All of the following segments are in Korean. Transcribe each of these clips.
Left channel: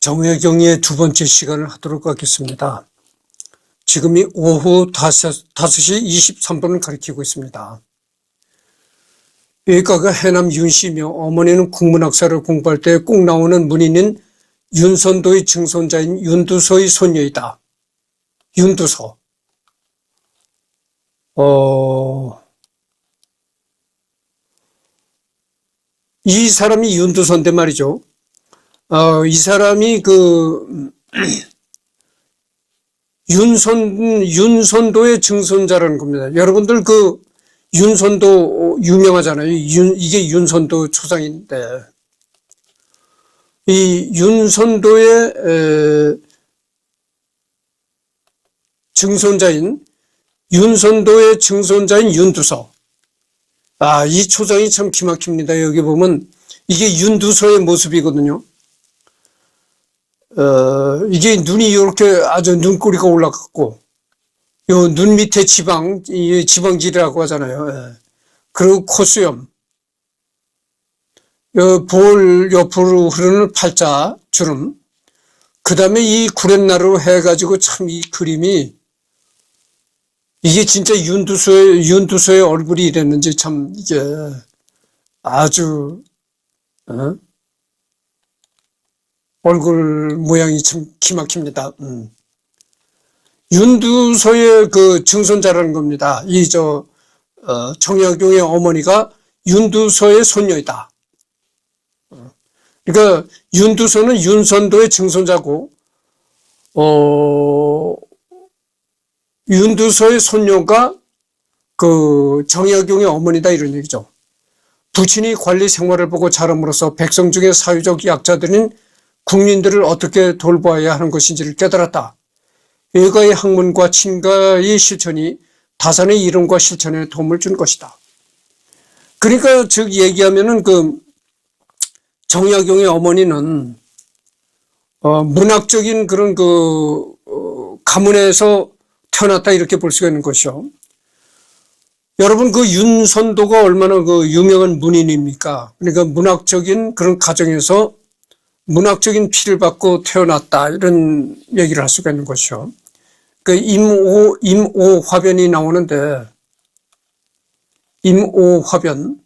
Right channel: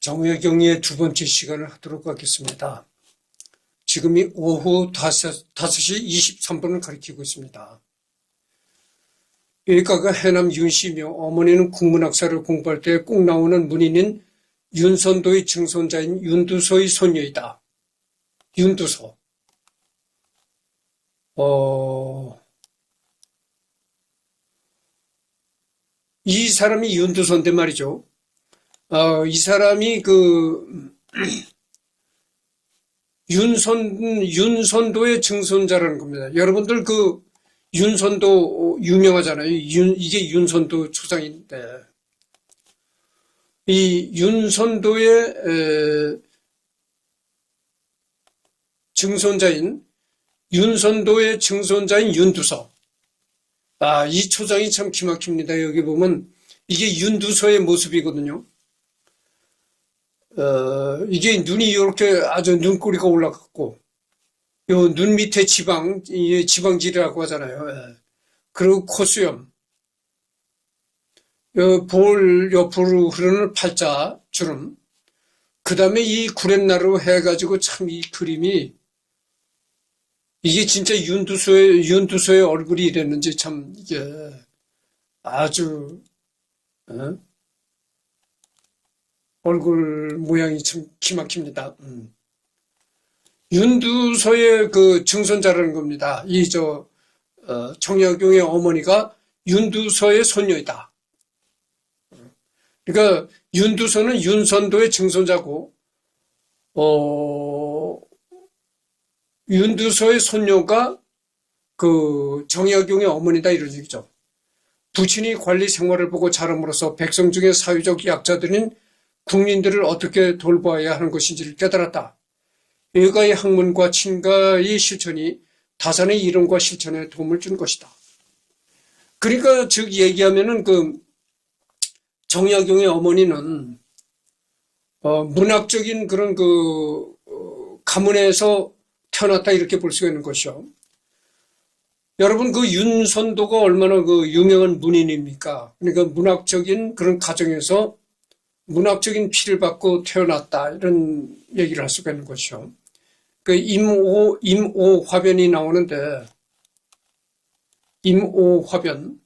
정혜경의 두 번째 시간을 하도록 하겠습니다. 지금이 오후 5시 23분을 가리키고 있습니다. 일가가 해남 윤씨며 어머니는 국문학사를 공부할 때 꼭 나오는 문인인 윤선도의 증손자인 윤두소의 손녀이다. 윤두소. 이 사람이 윤두소인데 말이죠. 이 사람이 윤선도의 증손자라는 겁니다. 여러분들 윤선도 유명하잖아요. 이게 윤선도 초상인데, 이 윤선도의 증손자인 윤두소. 이 초상이 참 기막힙니다. 여기 보면 이게 윤두소의 모습이거든요. 이게 눈이 이렇게 아주 눈꼬리가 올라갔고, 요 눈 밑에 지방질이라고 하잖아요. 그리고 콧수염, 볼 옆으로 흐르는 팔자 주름, 그 다음에 이 구렛나루 해가지고 참 이 그림이, 이게 진짜 윤두소의 얼굴이 이랬는지 참 이게 아주, 얼굴 모양이 참 기막힙니다. 윤두소의 증손자라는 겁니다. 정약용의 어머니가 윤두소의 손녀이다. 그러니까 윤두소는 윤선도의 증손자고, 윤두소의 손녀가 정약용의 어머니다 이런 얘기죠. 부친이 관리 생활을 보고 자람으로써 백성 중에 사회적 약자들인 국민들을 어떻게 돌보아야 하는 것인지를 깨달았다. 일가의 학문과 친가의 실천이 다산의 이름과 실천에 도움을 준 것이다. 그러니까 즉 얘기하면은 정약용의 어머니는 문학적인 그런 가문에서 태어났다 이렇게 볼 수가 있는 것이요. 여러분 윤선도가 얼마나 유명한 문인입니까? 그러니까 문학적인 그런 가정에서 문학적인 피를 받고 태어났다 이런 얘기를 할 수가 있는 것이요. 임오화변이 나오는데, 임오화변,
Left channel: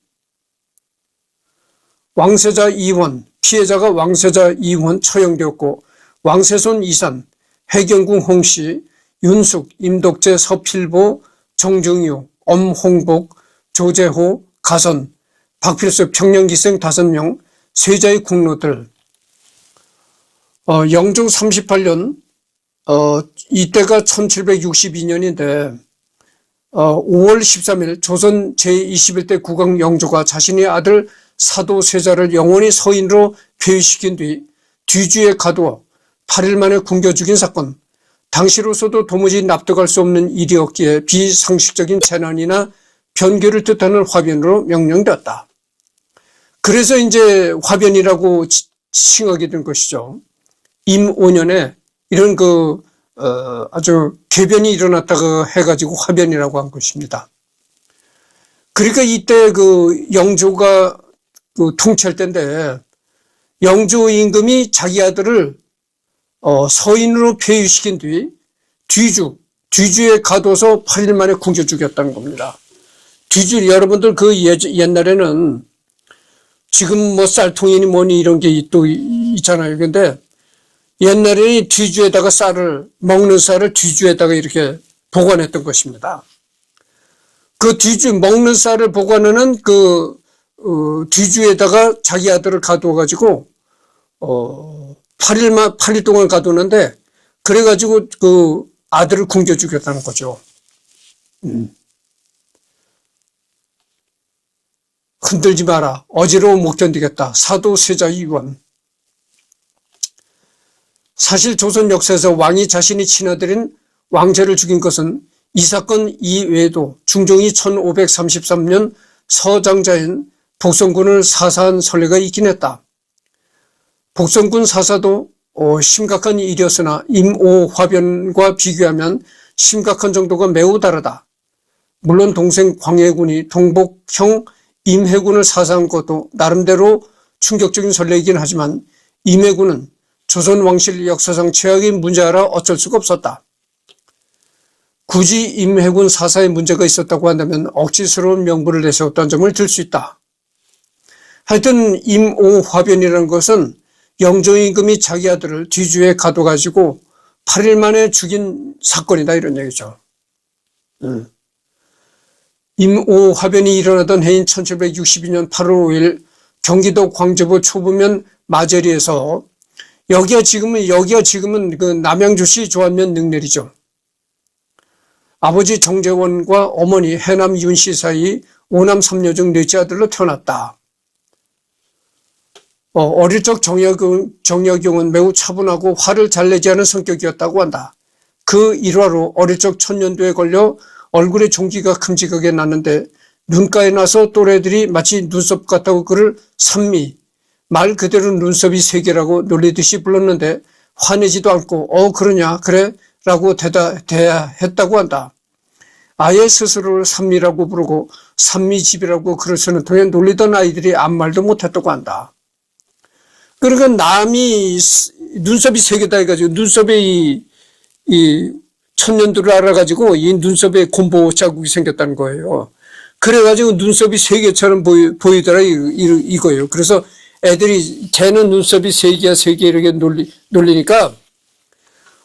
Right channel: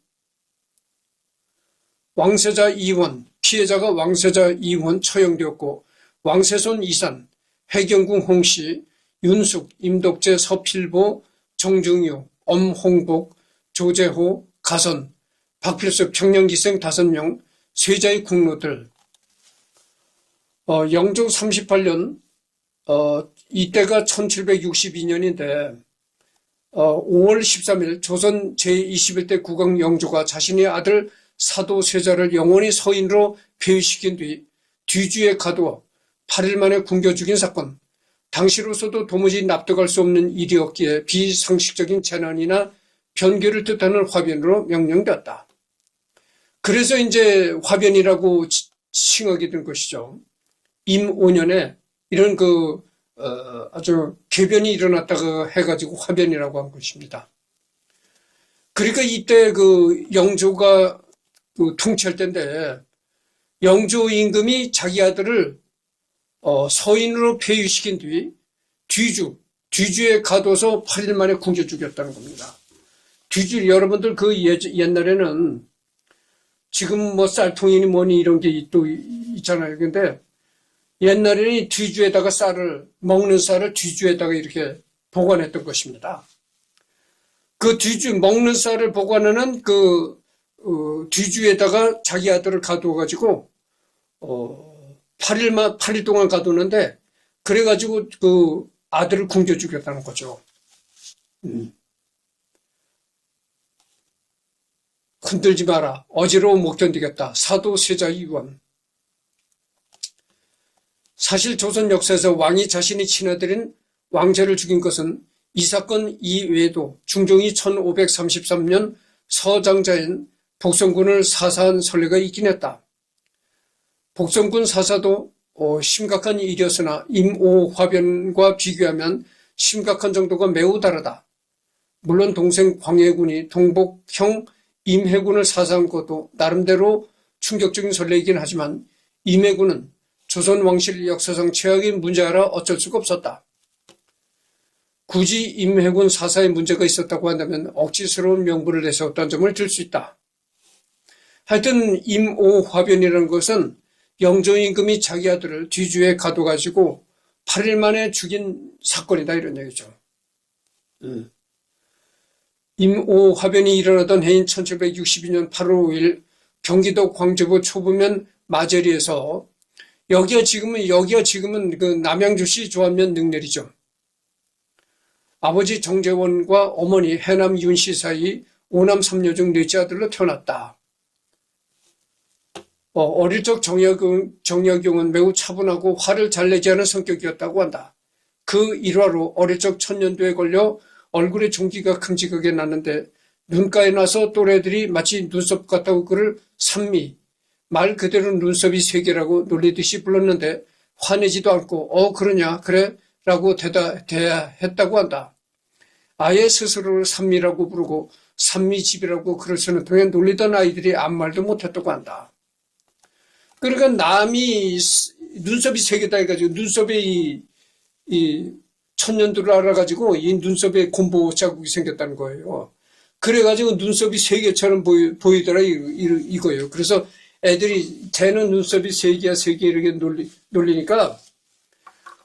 왕세자 이원, 피해자가 왕세자 이원 처형되었고, 왕세손 이산, 해경궁 홍씨, 윤숙, 임독재, 서필보, 정중유, 엄홍복, 조재호, 가선, 박필섭, 청년기생 5명, 세자의 국로들, 영종 38년, 이때가 1762년인데, 5월 13일 조선 제21대 국왕 영조가 자신의 아들 사도세자를 영원히 서인으로 폐위시킨 뒤 뒤주에 가두어 8일 만에 굶겨 죽인 사건, 당시로서도 도무지 납득할 수 없는 일이었기에 비상식적인 재난이나 변교를 뜻하는 화변으로 명명되었다. 그래서 이제 화변이라고 칭하게 된 것이죠. 임오년에 이런 아주 개변이 일어났다고 해가지고 화변이라고 한 것입니다. 그러니까 이때 영조가 통치할 때인데, 영조 임금이 자기 아들을 서인으로 폐위시킨 뒤 뒤주에 가둬서 8일 만에 굶겨 죽였다는 겁니다. 여러분들 옛날에는 지금 쌀통이니 뭐니 이런 게 또 있잖아요. 근데 옛날에 뒤주에다가 먹는 쌀을 뒤주에다가 이렇게 보관했던 것입니다. 먹는 쌀을 보관하는 뒤주에다가 자기 아들을 가두어가지고, 8일 동안 가두는데, 그래가지고 아들을 굶겨 죽였다는 거죠. 흔들지 마라. 어지러워 못 견디겠다. 사도세자 이원. 사실 조선 역사에서 왕이 자신이 친아들인 왕제를 죽인 것은 이 사건 이외에도 중종이 1533년 서장자인 복성군을 사사한 선례가 있긴 했다. 복성군 사사도 심각한 일이었으나 임오화변과 비교하면 심각한 정도가 매우 다르다. 물론 동생 광해군이 동복형 임해군을 사사한 것도 나름대로 충격적인 선례이긴 하지만 임해군은 조선 왕실 역사상 최악의 문제라 어쩔 수가 없었다. 굳이 임해군 사사에 문제가 있었다고 한다면 억지스러운 명분을 내세웠다는 점을 들 수 있다. 하여튼 임오화변이라는 것은 영조임금이 자기 아들을 뒤주에 가둬가지고 8일 만에 죽인 사건이다 이런 얘기죠. 임오화변이 일어나던 해인 1762년 8월 5일 경기도 광주부 초부면 마제리에서 여기가 지금은 그 남양주시 조안면 능내리죠. 아버지 정재원과 어머니 해남 윤씨 사이 5남 3녀 중 넷째 아들로 태어났다. 어릴 적 정약용은 매우 차분하고 화를 잘 내지 않은 성격이었다고 한다. 그 일화로 어릴 적 천년두에 걸려 얼굴에 종기가 큼직하게 났는데 눈가에 나서 또래들이 마치 눈썹 같다고 그를 산미, 말 그대로 눈썹이 세 개라고 놀리듯이 불렀는데 화내지도 않고 그러냐 그래 라고 대답했다고 한다. 아예 스스로를 산미라고 부르고 산미집이라고 글을 쓰는 통에 놀리던 아이들이 아무 말도 못했다고 한다. 그러니까 남이 눈썹이 세 개다 해가지고 눈썹에 이 천년두를 알아가지고 이 눈썹에 곰보 자국이 생겼다는 거예요. 그래가지고 눈썹이 세 개처럼 보이더라 이거예요. 그래서 애들이 쟤는 눈썹이 세 개야 세 개 이렇게 놀리니까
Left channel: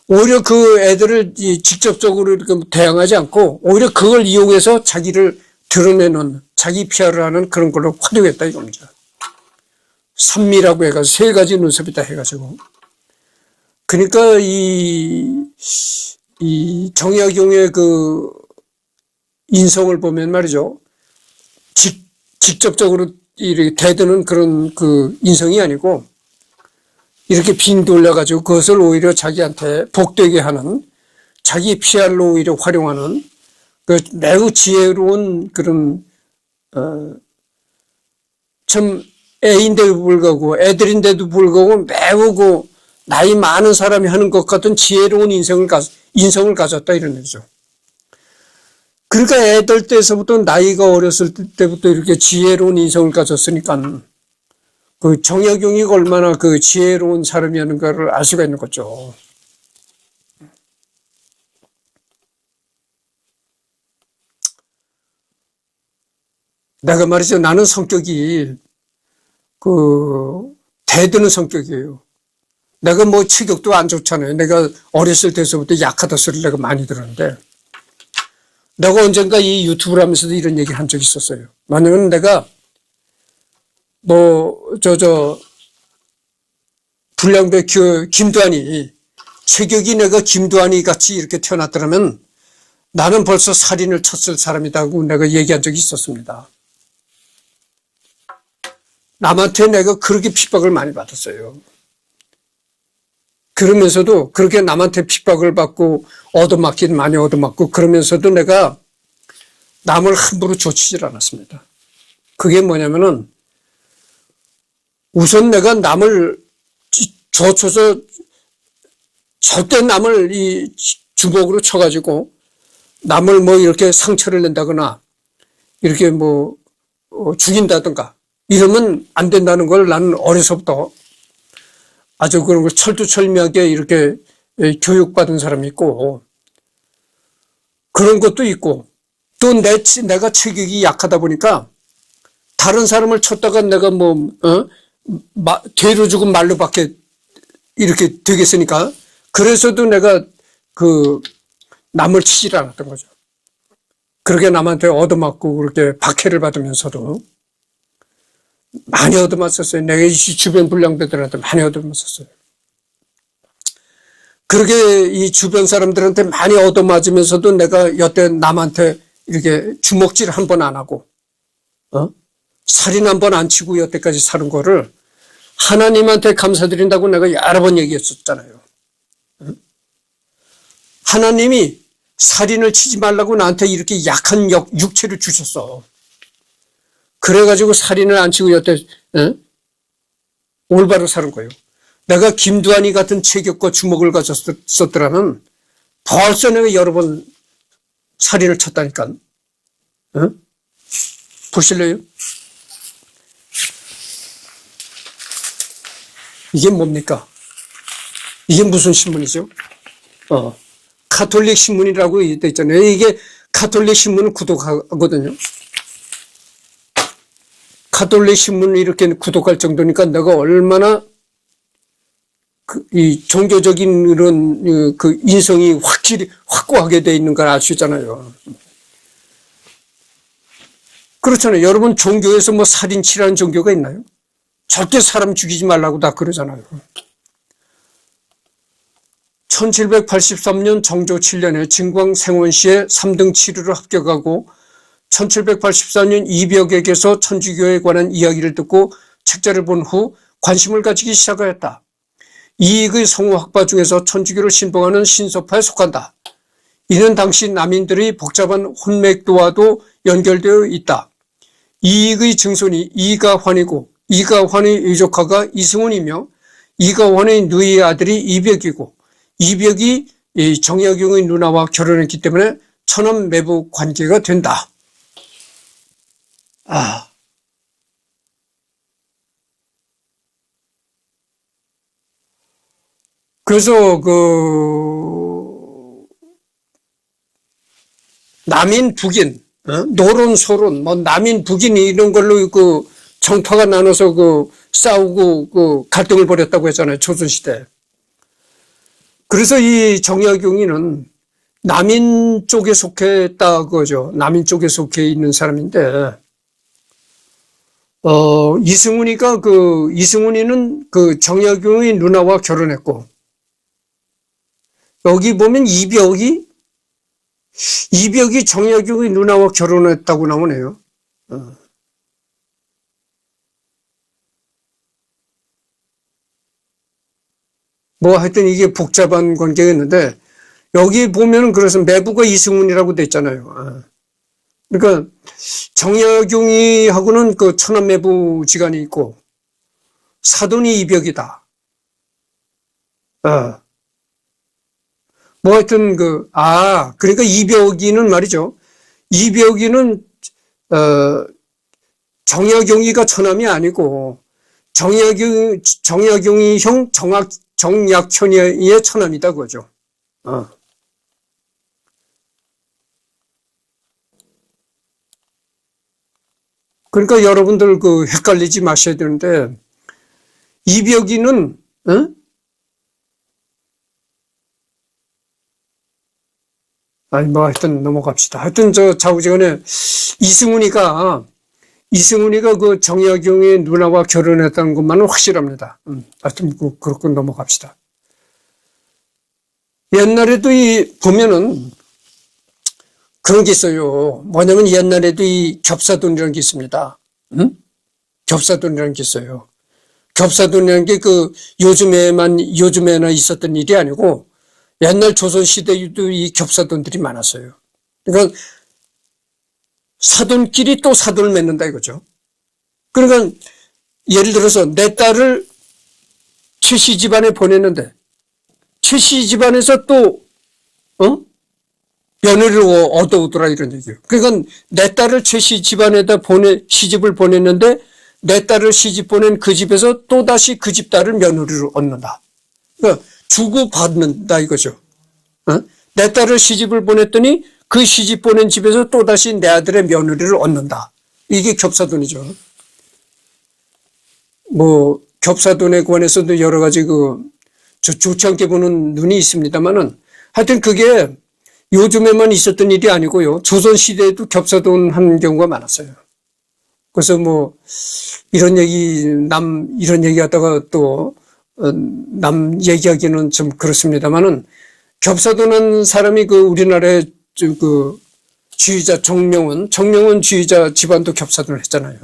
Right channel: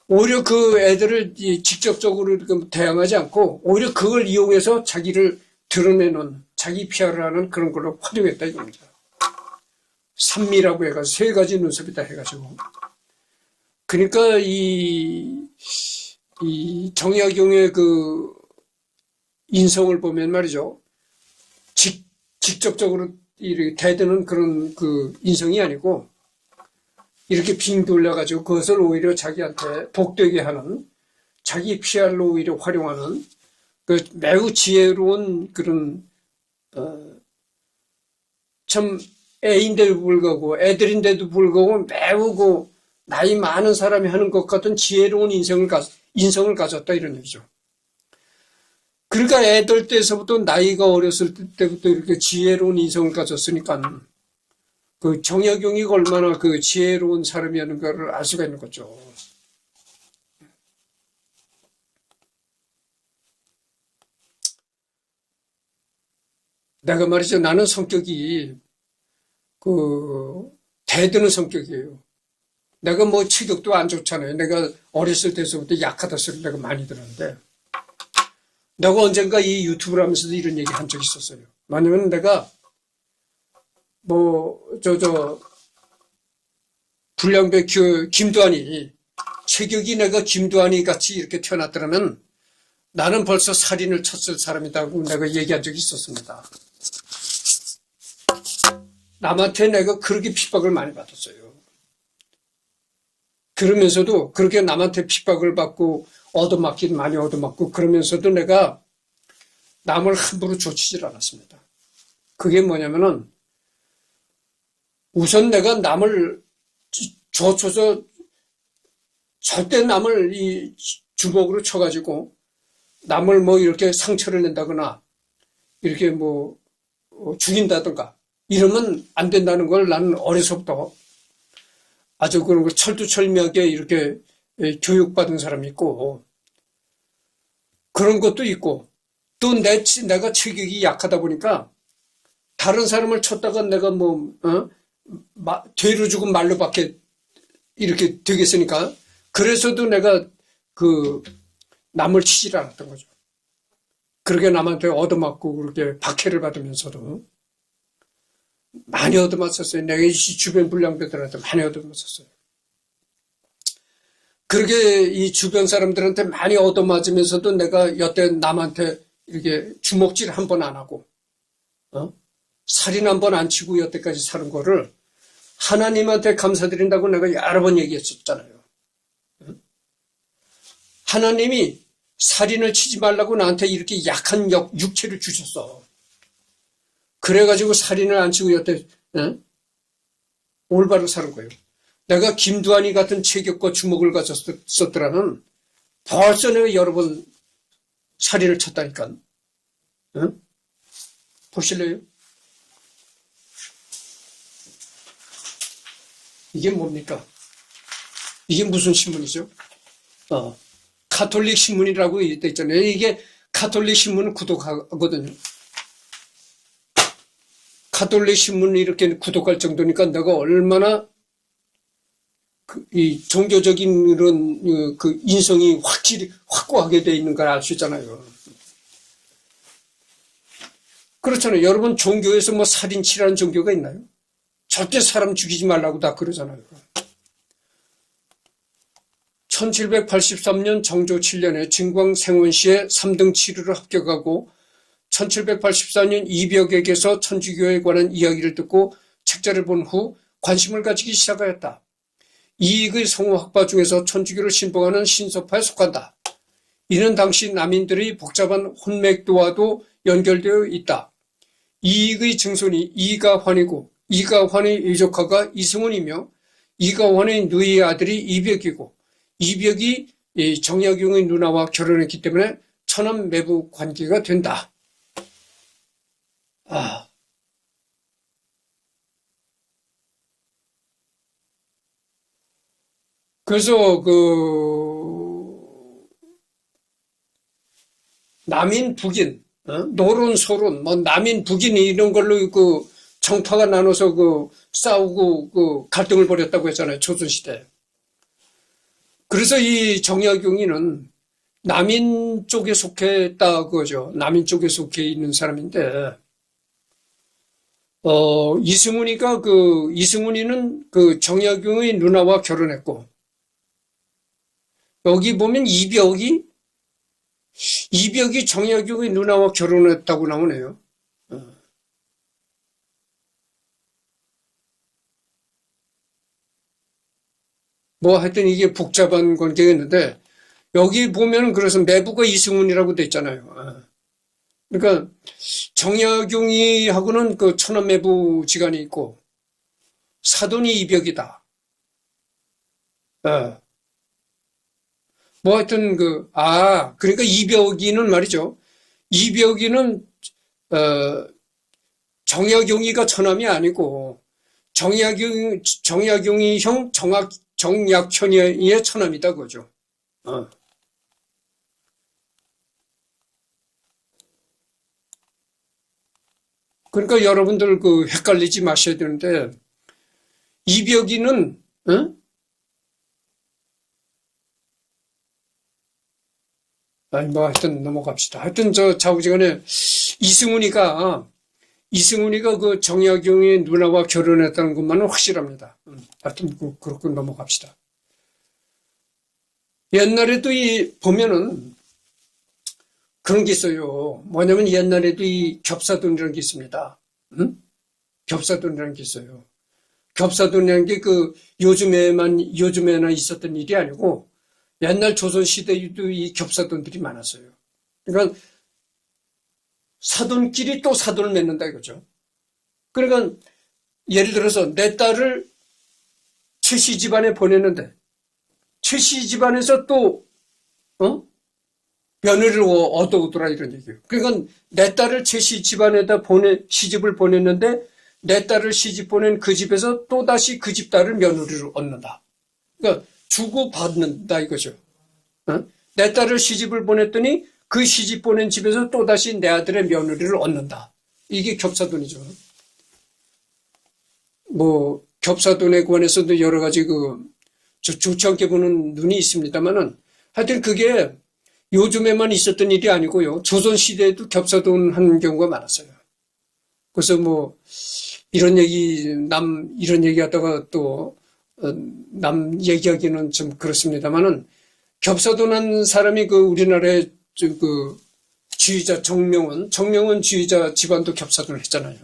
오히려 그 애들을 직접적으로 이렇게 대항하지 않고 오히려 그걸 이용해서 자기를 드러내는 자기 PR을 하는 그런 걸로 활용했다 이겁니다. 산미라고 해가지고 세 가지 눈썹이다 해가지고. 그러니까 이 정약용의 그 인성을 보면 말이죠. 직접적으로 이렇게 대드는 그런 그 인성이 아니고 이렇게 빙 돌려가지고 그것을 오히려 자기한테 복되게 하는 자기 PR로 오히려 활용하는 그 매우 지혜로운 그런 참 애인데도 불구하고 애들인데도 불구하고 매우 그 나이 많은 사람이 하는 것 같은 지혜로운 인성을 가졌다 이런 얘기죠. 그러니까 애들 때서부터 나이가 어렸을 때부터 이렇게 지혜로운 인성을 가졌으니까 그 정약용이 얼마나 그 지혜로운 사람이었는가를 알 수가 있는 거죠. 내가 말이죠. 나는 성격이 대드는 성격이에요. 내가 뭐 체격도 안 좋잖아요. 내가 어렸을 때서부터 약하다 소리를 내가 많이 들었는데 내가 언젠가 이 유튜브를 하면서도 이런 얘기 한 적이 있었어요. 만약에 내가 불량배 김두한이 체격이 내가 김두한이 같이 이렇게 태어났더라면 나는 벌써 살인을 쳤을 사람이라고 내가 얘기한 적이 있었습니다. 남한테 내가 그렇게 핍박을 많이 받았어요. 그러면서도 그렇게 남한테 핍박을 받고 얻어맞긴 많이 얻어맞고 그러면서도 내가 남을 함부로 조치질 않았습니다. 그게 뭐냐면은 우선 내가 남을 조쳐서 절대 남을 이 주먹으로 쳐가지고 남을 뭐 이렇게 상처를 낸다거나 이렇게 뭐 죽인다든가 이러면 안 된다는 걸 나는 어려서부터 아주 그런 걸 철두철미하게 이렇게 교육받은 사람이 있고 그런 것도 있고 또 내가 체격이 약하다 보니까 다른 사람을 쳤다가 내가 뒤로 죽은 말로밖에 이렇게 되겠으니까 그래서도 내가 남을 치질 않았던 거죠. 그렇게 남한테 얻어맞고 그렇게 박해를 받으면서도 많이 얻어맞았어요. 내가 이 주변 불량배들한테 많이 얻어맞았어요. 그렇게 이 주변 사람들한테 많이 얻어맞으면서도 내가 여태 남한테 이렇게 주먹질 한 번 안 하고 살인 한 번 안 치고 여태까지 사는 거를 하나님한테 감사드린다고 내가 여러 번 얘기했었잖아요. 하나님이 살인을 치지 말라고 나한테 이렇게 약한 육체를 주셨어. 그래가지고 살인을 안 치고 여태 올바로 사는 거예요. 내가 김두한이 같은 체격과 주먹을 가졌었더라면 벌써 내가 여러 번 살인을 쳤다니까. 보실래요? 이게 뭡니까? 이게 무슨 신문이죠? 카톨릭 신문이라고 돼 있잖아요. 이게 카톨릭 신문은 구독하거든요. 카톨릭 신문을 이렇게 구독할 정도니까 내가 얼마나 이 종교적인 이런 그 인성이 확고하게 돼 있는 걸 알 수 있잖아요. 그렇잖아요. 여러분 종교에서 뭐 살인치라는 종교가 있나요? 절대 사람 죽이지 말라고 다 그러잖아요. 1783년 정조 7년에 진광생원시에 3등 치루를 합격하고 1784년 이벽에게서 천주교에 관한 이야기를 듣고 책자를 본 후 관심을 가지기 시작하였다. 이익의 성우학파 중에서 천주교를 신봉하는 신소파에 속한다. 이는 당시 남인들의 복잡한 혼맥도와도 연결되어 있다. 이익의 증손이 이가환이고 이가환의 의조카가 이승훈이며 이가환의 누이의 아들이 이벽이고 이벽이 정약용의 누나와 결혼했기 때문에 천암 매부 관계가 된다. 그래서 남인 북인, 노론 소론, 뭐 남인 북인 이런 걸로 정파가 나눠서 싸우고 갈등을 벌였다고 했잖아요. 조선시대. 그래서 이 정약용이는 남인 쪽에 속했다 그거죠. 남인 쪽에 속해 있는 사람인데, 이승훈이는 정약용의 누나와 결혼했고, 여기 보면 이벽이 정약용의 누나와 결혼했다고 나오네요. 뭐 하여튼 이게 복잡한 관계가 있는데 여기 보면은 그래서 매부가 이승훈이라고 돼 있잖아요. 그러니까 정약용이하고는 그 천안 매부 지간이 있고 사돈이 이벽이다. 뭐 하여튼 그러니까 이벽이는 말이죠. 이벽이는 정약용이가 처남이 아니고 정약용이 형 정약현이의 처남이다 그거죠. 그러니까 여러분들 헷갈리지 마셔야 되는데 이벽이는 아니 뭐 하여튼 넘어갑시다. 하여튼 좌우지간에 이승훈이가 그 정약용의 누나와 결혼했다는 것만은 확실합니다. 하여튼 그렇고 넘어갑시다. 옛날에도 보면은 그런 게 있어요. 뭐냐면 옛날에도 이 겹사돈이라는 게 있습니다. 겹사돈이라는 게 있어요. 겹사돈이라는 게 요즘에나 있었던 일이 아니고 옛날 조선시대에도 이 겹사돈들이 많았어요. 그러니까 사돈끼리 또 사돈을 맺는다 이거죠. 그러니까 예를 들어서 내 딸을 최씨 집안에 보냈는데 최씨 집안에서 또 며느리를 얻어오더라 이런 얘기예요. 그러니까 내 딸을 최씨 집안에다 시집을 보냈는데 내 딸을 시집 보낸 그 집에서 또다시 그 집 딸을 며느리로 얻는다. 그러니까 주고받는다 이거죠. 내 딸을 시집을 보냈더니 그 시집 보낸 집에서 또다시 내 아들의 며느리를 얻는다. 이게 겹사돈이죠. 뭐 겹사돈에 관해서도 여러 가지 좋지 않게 보는 눈이 있습니다만은 하여튼 그게 요즘에만 있었던 일이 아니고요. 조선시대에도 겹사돈 하는 경우가 많았어요. 그래서 뭐 이런 얘기 하다가 또 남 얘기하기는 좀 그렇습니다만은 겹사돈한 사람이 우리나라의 지휘자 정명원 지휘자 집안도 겹사돈을 했잖아요.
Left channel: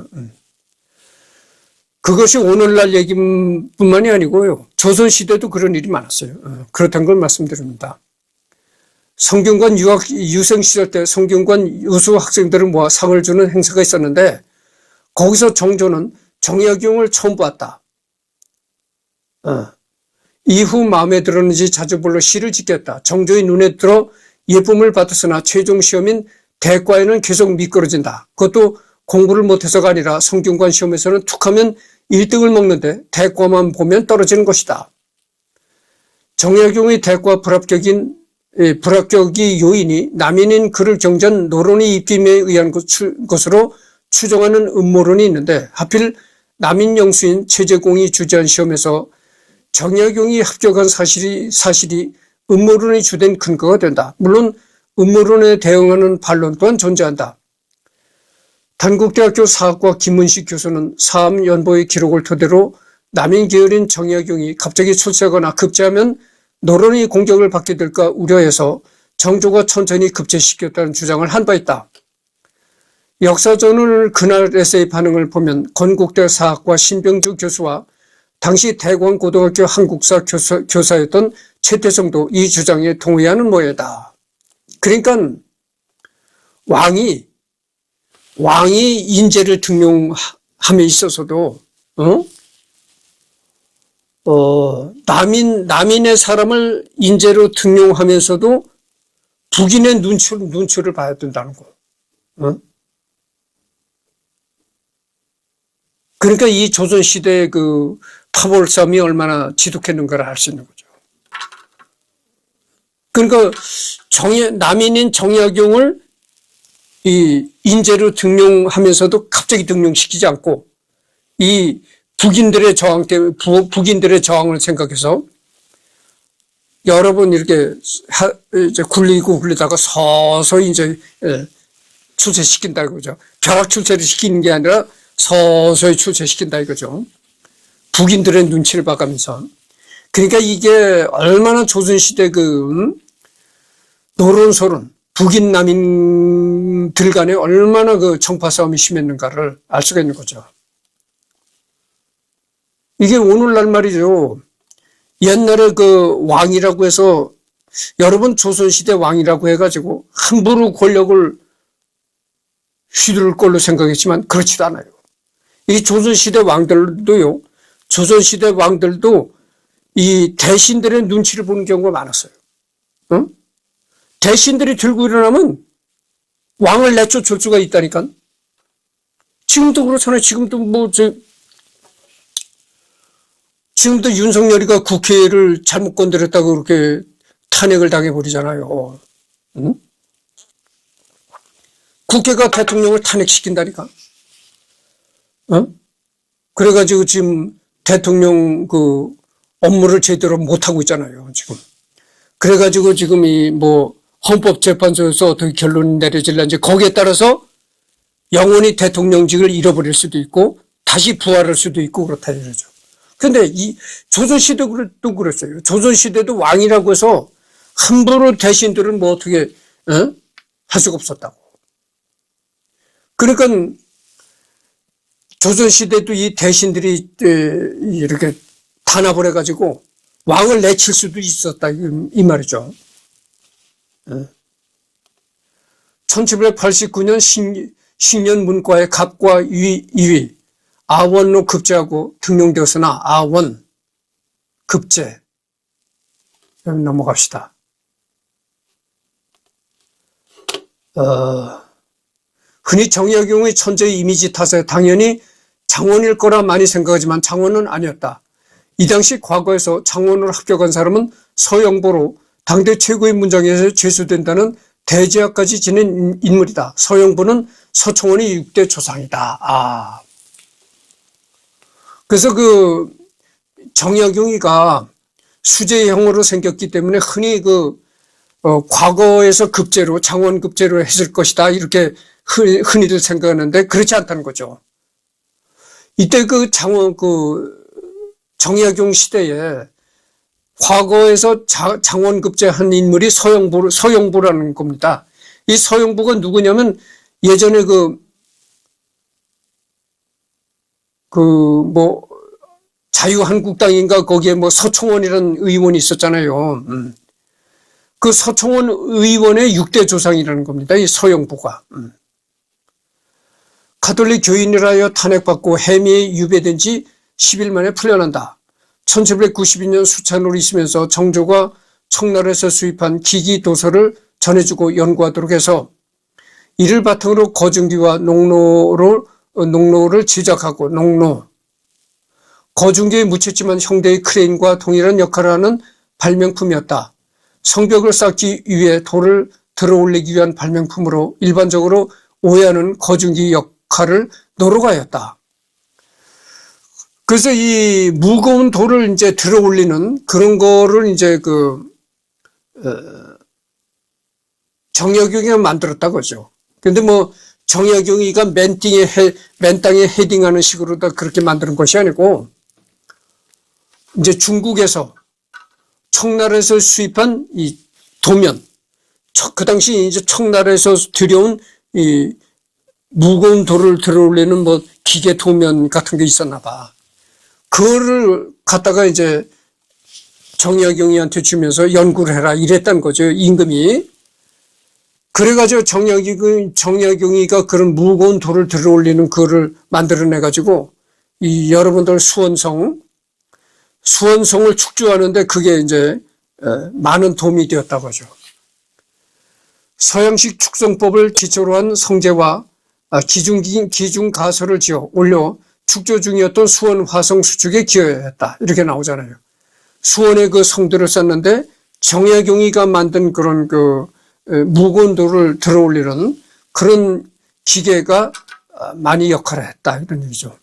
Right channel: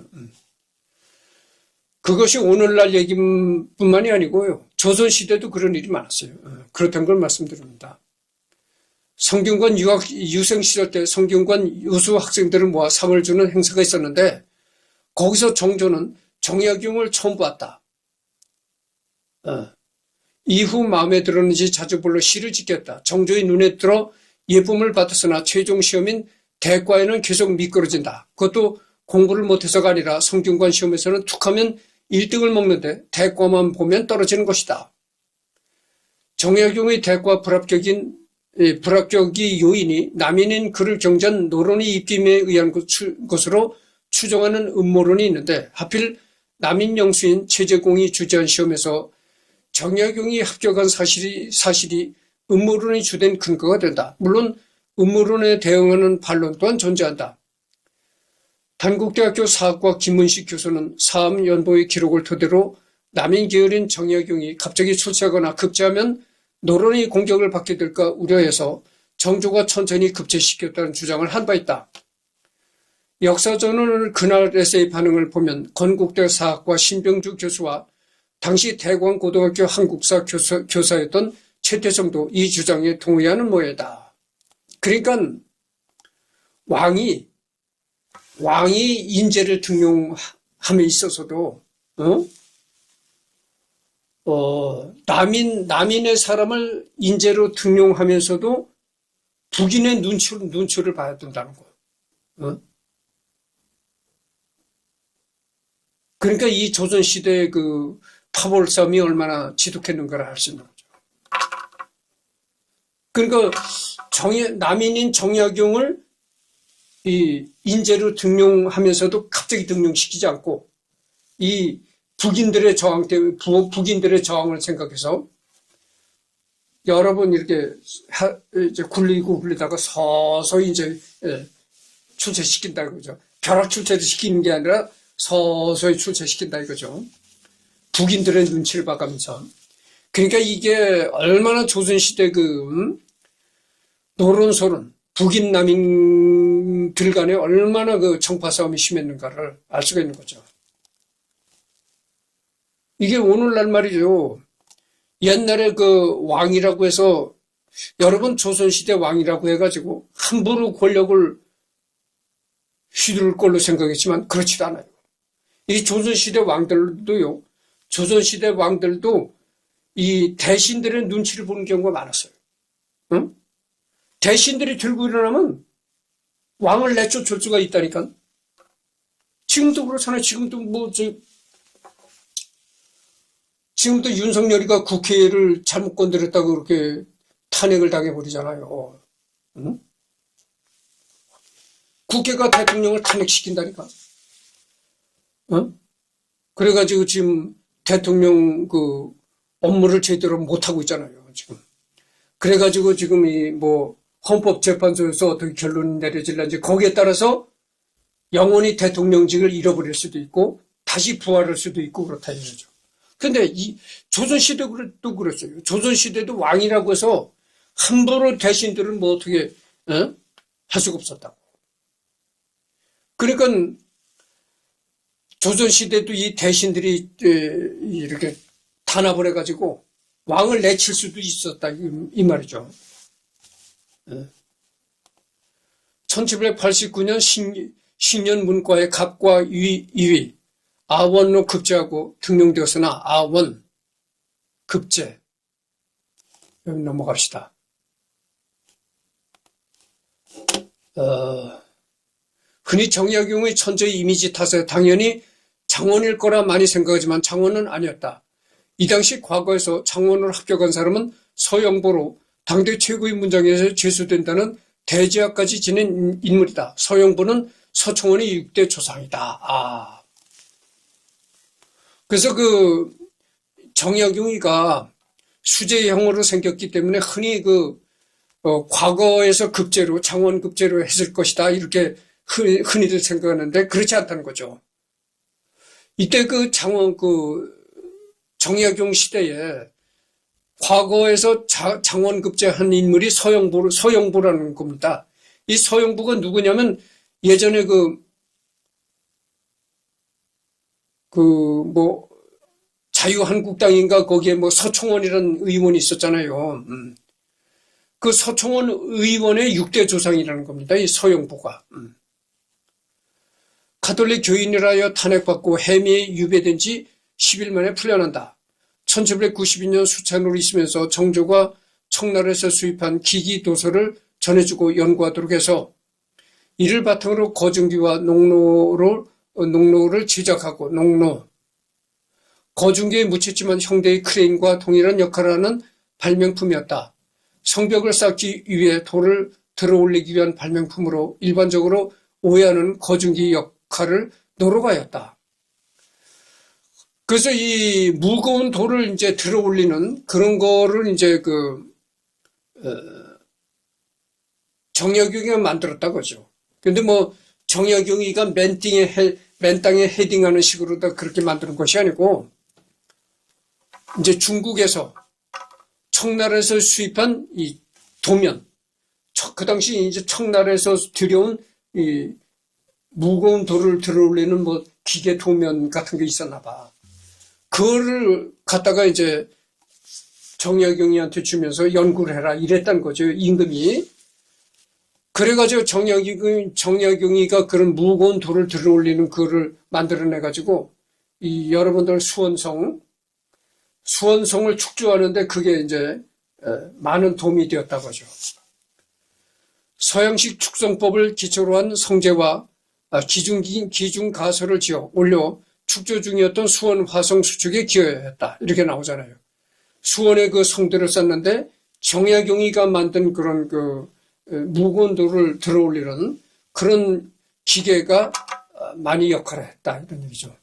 그것이 오늘날 얘기뿐만이 아니고요. 조선시대도 그런 일이 많았어요. 그렇다는 걸 말씀드립니다. 성균관 유생 시절 때 성균관 유수 학생들을 모아 상을 주는 행사가 있었는데 거기서 정조는 정약용을 처음 봤다. 이후 마음에 들었는지 자주 불러 시를 짓겠다. 정조의 눈에 들어 예쁨을 받았으나 최종 시험인 대과에는 계속 미끄러진다. 그것도 공부를 못해서가 아니라 성균관 시험에서는 툭하면 1등을 먹는데 대과만 보면 떨어지는 것이다. 정약용의 대과 불합격이 요인이 남인인 그를 경전 노론의 입김에 의한 것으로 추정하는 음모론이 있는데 하필 남인 영수인 최재공이 주재한 시험에서 정약용이 합격한 사실이 음모론의 주된 근거가 된다. 물론 음모론에 대응하는 반론 또한 존재한다. 단국대학교 사학과 김문식 교수는 사암연보의 기록을 토대로 남인 계열인 정약용이 갑자기 출세하거나 급제하면 노론이 공격을 받게 될까 우려해서 정조가 천천히 급제시켰다는 주장을 한 바 있다. 역사전을 그날 에세이 반응을 보면 건국대 사학과 신병주 교수와 당시 대광고등학교 한국사 교사였던 최태성도 이 주장에 동의하는 모양이다. 그러니까 왕이 인재를 등용함에 있어서도 남인의 사람을 인재로 등용하면서도 북인의 눈치를 봐야 된다는 거. 그러니까 이 조선시대의 그 파벌 싸움이 얼마나 지독했는가를 알 수 있는 거죠. 그러니까 남인인 정약용을 이 인재로 등용하면서도 갑자기 등용시키지 않고 이 북인들의 저항 때문에 북인들의 저항을 생각해서 여러 번 이렇게 이제 굴리다가 서서히 이제 출세시킨다 이거죠. 벼락 출세를 시키는 게 아니라 서서히 출세시킨다 이거죠. 북인들의 눈치를 봐가면서. 그러니까 이게 얼마나 조선시대 노론소론, 북인 남인들 간에 얼마나 그 정파 싸움이 심했는가를 알 수가 있는 거죠. 이게 오늘날 말이죠. 옛날에 그 왕이라고 해서 여러분 조선시대 왕이라고 해가지고 함부로 권력을 휘두를 걸로 생각했지만 그렇지도 않아요. 이 조선시대 왕들도 이 대신들의 눈치를 보는 경우가 많았어요. 응? 대신들이 들고 일어나면 왕을 내쫓을 수가 있다니까. 지금도 그렇잖아요. 지금도 윤석열이가 국회를 잘못 건드렸다고 그렇게 탄핵을 당해버리잖아요. 응? 국회가 대통령을 탄핵시킨다니까. 그래가지고 지금 대통령 그 업무를 제대로 못하고 있잖아요, 지금. 그래가지고 지금 헌법재판소에서 어떻게 결론이 내려질런지 거기에 따라서 영원히 대통령직을 잃어버릴 수도 있고 다시 부활할 수도 있고 그렇다 이거죠. 근데 이 조선시대도 그랬어요. 조선시대도 왕이라고 해서 함부로 대신들은 어떻게 할 수가 없었다고. 그러니까 조선시대도 이 대신들이 이렇게 탄압을 해가지고 왕을 내칠 수도 있었다 이 말이죠. 1789년 신년 문과의 갑과 이위 아원로 급제하고 등용되었으나 아원 급제 넘어갑시다. 흔히 정약용의 천재 이미지 탓에 당연히 장원일 거라 많이 생각하지만 장원은 아니었다. 이 당시 과거에서 장원으로 합격한 사람은 서영보로 당대 최고의 문장에서 제수된다는 대제학까지 지닌 인물이다. 서영보는 서총원의 6대 조상이다. 그래서 정약용이가 수재형으로 생겼기 때문에 흔히 과거에서 급제로 장원 급제로 했을 것이다 이렇게 흔히들 생각하는데 그렇지 않다는 거죠. 이때 정약용 시대에 과거에서 장원 급제한 인물이 서영보라는 겁니다. 이 서영보가 누구냐면 예전에 자유한국당인가 거기에 서총원이라는 의원이 있었잖아요. 그 서총원 의원의 6대 조상이라는 겁니다. 이 서영보가. 가톨릭 교인이라 하여 탄핵받고 해미에 유배된 지 10일 만에 풀려난다. 1792년 수찬으로 있으면서 정조가 청나라에서 수입한 기기 도서를 전해주고 연구하도록 해서 이를 바탕으로 거중기와 농로를 제작하고 거중기의 묻혔지만 형대의 크레인과 동일한 역할을 하는 발명품이었다. 성벽을 쌓기 위해 돌을 들어올리기 위한 발명품으로 일반적으로 오해하는 거중기 역할을 노로가였다. 그래서 이 무거운 돌을 이제 들어올리는 그런 거를 이제 정약용이가 만들었다고 하죠. 근데 뭐 정약용이가 맨 땅에 헤딩하는 식으로 다 그렇게 만드는 것이 아니고 이제 중국에서 청나라에서 수입한 이 도면, 그 당시 이제 청나라에서 들여온 이 무거운 돌을 들어올리는 뭐 기계 도면 같은 게 있었나 봐. 그거를 갖다가 이제 정약용이한테 주면서 연구를 해라 이랬단 거죠, 임금이. 그래가지고 정약용이가 그런 무거운 돌을 들어올리는 그거를 만들어내가지고 이 여러분들 수원성을 축조하는데 그게 이제 많은 도움이 되었다고 하죠. 서양식 축성법을 기초로 한 성제와 기중 가설을 지어 올려 축조 중이었던 수원 화성 수축에 기여했다. 이렇게 나오잖아요. 수원에 그 성들을 쌓는데 정약용이가 만든 그런 무거운 돌을 들어올리는 그런 기계가 많이 역할을 했다. 이런 얘기죠.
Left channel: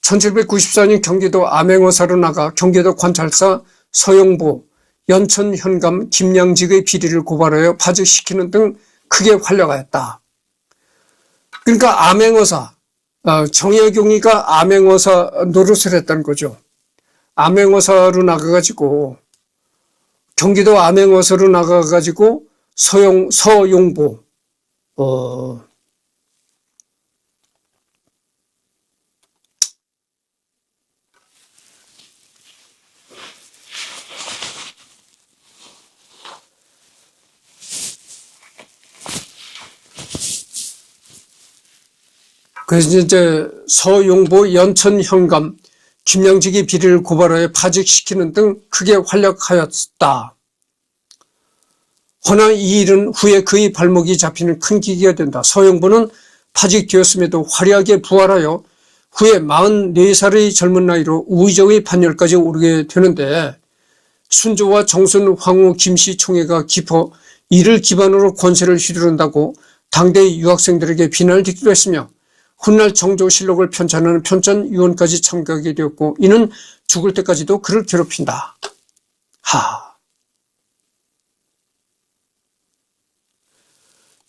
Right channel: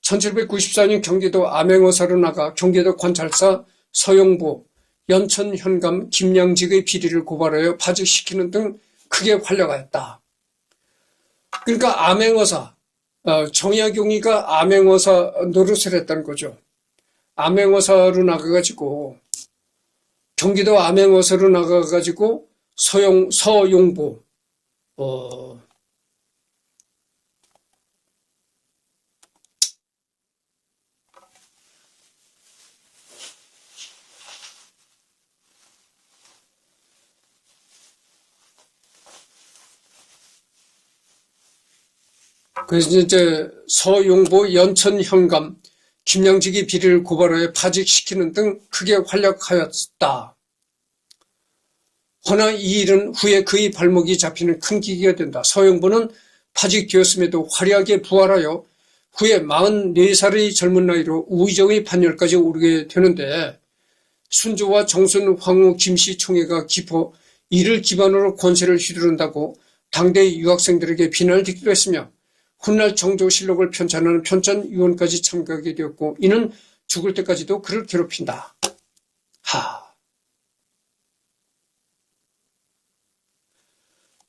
1794년 경기도 암행어사로 나가 경기도 관찰사 서영보, 연천 현감 김양직의 비리를 고발하여 파직시키는 등 크게 활약하였다. 그러니까 암행어사, 정약용이가 암행어사 노릇을 했다는 거죠. 암행어사로 나가가지고 경기도 암행어사로 나가가지고 서용보, 그래서 이제 서용보, 연천 현감, 김양직의 비리를 고발하여 파직시키는 등 크게 활약하였다. 허나 이 일은 후에 그의 발목이 잡히는 큰 계기가 된다. 서용보는 파직되었음에도 화려하게 부활하여 후에 44살의 젊은 나이로 우의정의 반열까지 오르게 되는데 순조와 정순, 황후, 김씨 총애가 깊어 이를 기반으로 권세를 휘두른다고 당대의 유학생들에게 비난을 듣기도 했으며 훗날 정조실록을 편찬하는 편찬위원까지 참가하게 되었고 이는 죽을 때까지도 그를 괴롭힌다.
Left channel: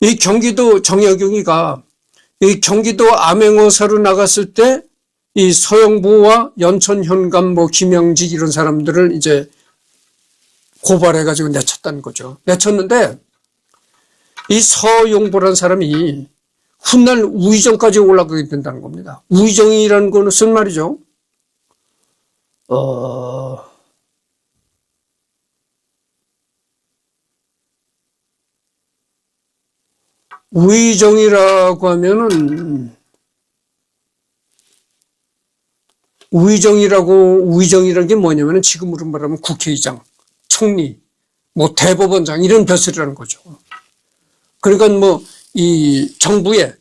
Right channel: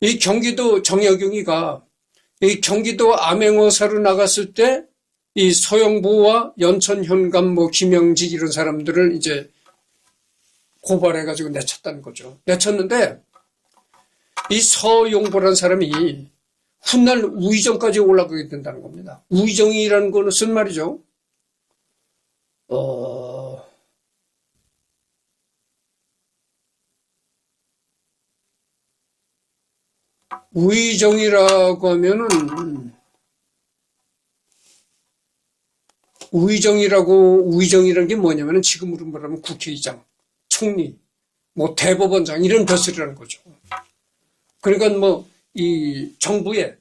이 경기도 정약용이가 이 경기도 암행어사로 나갔을 때 이 서영보와 연천현감 김영직 이런 사람들을 이제 고발해가지고 내쳤다는 거죠. 내쳤는데 이 서용보라는 사람이 훗날 우의정까지 올라가게 된다는 겁니다. 우의정이라는 것은 말이죠. 우의정이라고 하면은 우의정이라는 게 뭐냐면은 지금으로 말하면 국회의장, 총리, 대법원장 이런 벼슬이라는 거죠. 그러니까 이 정부의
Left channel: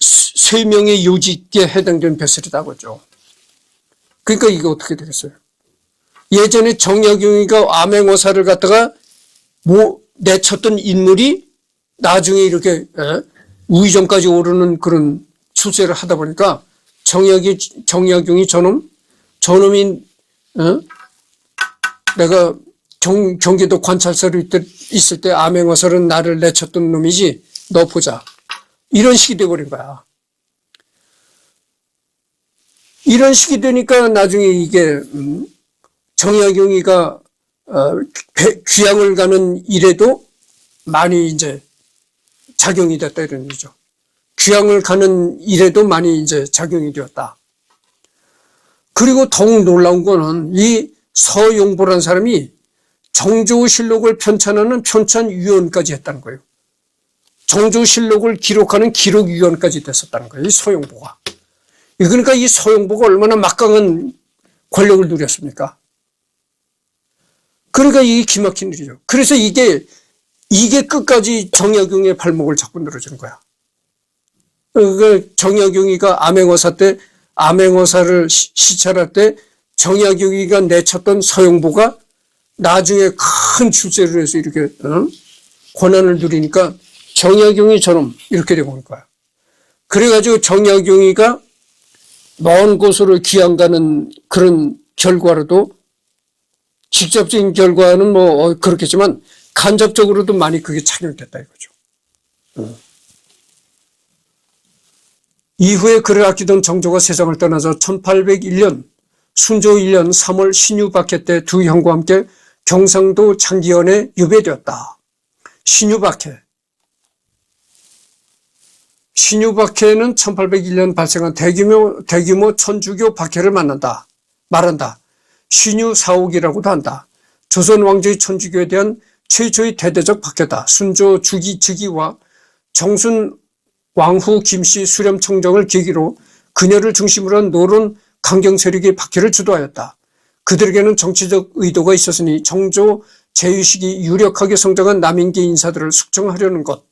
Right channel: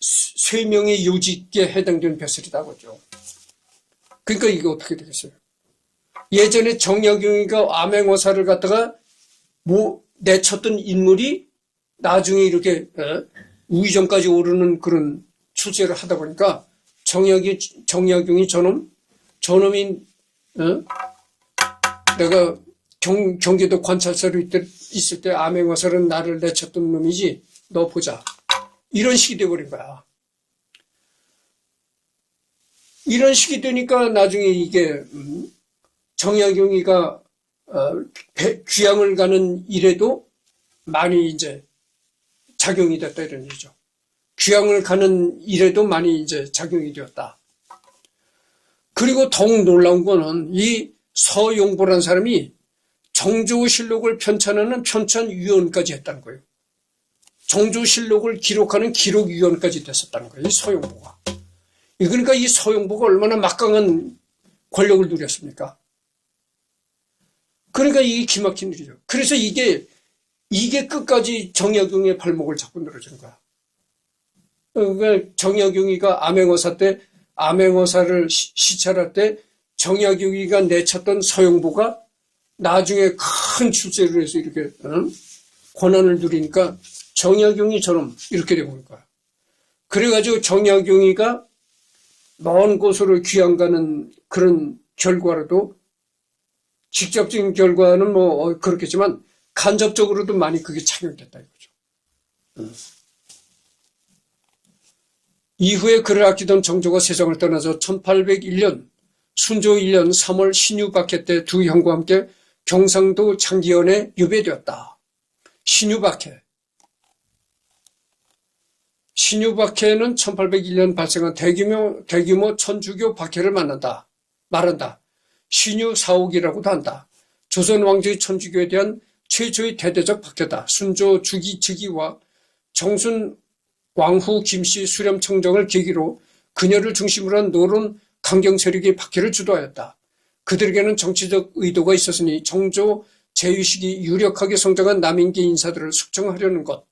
세명의 요직에 해당되는 벼슬이다 그죠. 그러니까 이게 어떻게 되겠어요? 예전에 정약용이가 암행어사를 갖다가 내쳤던 인물이 나중에 이렇게 우의정까지 오르는 그런 출세를 하다 보니까 정약용이 저놈이 내가 경기도 관찰사로 있을 때 암행어사는 나를 내쳤던 놈이지 너 보자. 이런 식이 돼버린 거야. 이런 식이 되니까 나중에 이게 정약용이가 귀향을 가는 일에도 많이 이제 작용이 됐다 이런 얘기죠. 귀향을 가는 일에도 많이 이제 작용이 되었다. 그리고 더욱 놀라운 거는 이 서용보라는 사람이 정조실록을 편찬하는 편찬위원까지 했다는 거예요. 정조실록을 기록하는 기록위원까지 됐었다는 거예요. 이 서용보가. 그러니까 이 서용보가 얼마나 막강한 권력을 누렸습니까? 그러니까 이게 기막힌 일이죠. 그래서 이게 끝까지 정약용의 발목을 잡고 늘어지는 거야. 정약용이가 암행어사를 시찰할 때 정약용이가 내쳤던 서영보가 나중에 큰 출세를 해서 이렇게 권한을 누리니까 정약용이처럼 이렇게 되고 올 거야. 그래가지고 정약용이가 먼 곳으로 귀양 가는 그런 결과로도 직접적인 결과는 뭐 그렇겠지만 간접적으로도 많이 그게 착용됐다 이거죠. 이후에 그를 아끼던 정조가 세상을 떠나서 1801년 순조 1년 3월 신유박해 때 두 형과 함께 경상도 장기현에 유배되었다. 신유박해는 1801년 발생한 대규모 천주교 박해를 말한다. 신유사옥이라고도 한다. 조선 왕조의 천주교에 대한 최초의 대대적 박해다. 순조 주기 즉위와 정순 왕후 김씨 수렴청정을 계기로 그녀를 중심으로 한 노론 강경 세력의 박해를 주도하였다. 그들에게는 정치적 의도가 있었으니 정조 제위식이 유력하게 성장한 남인계 인사들을 숙청하려는 것.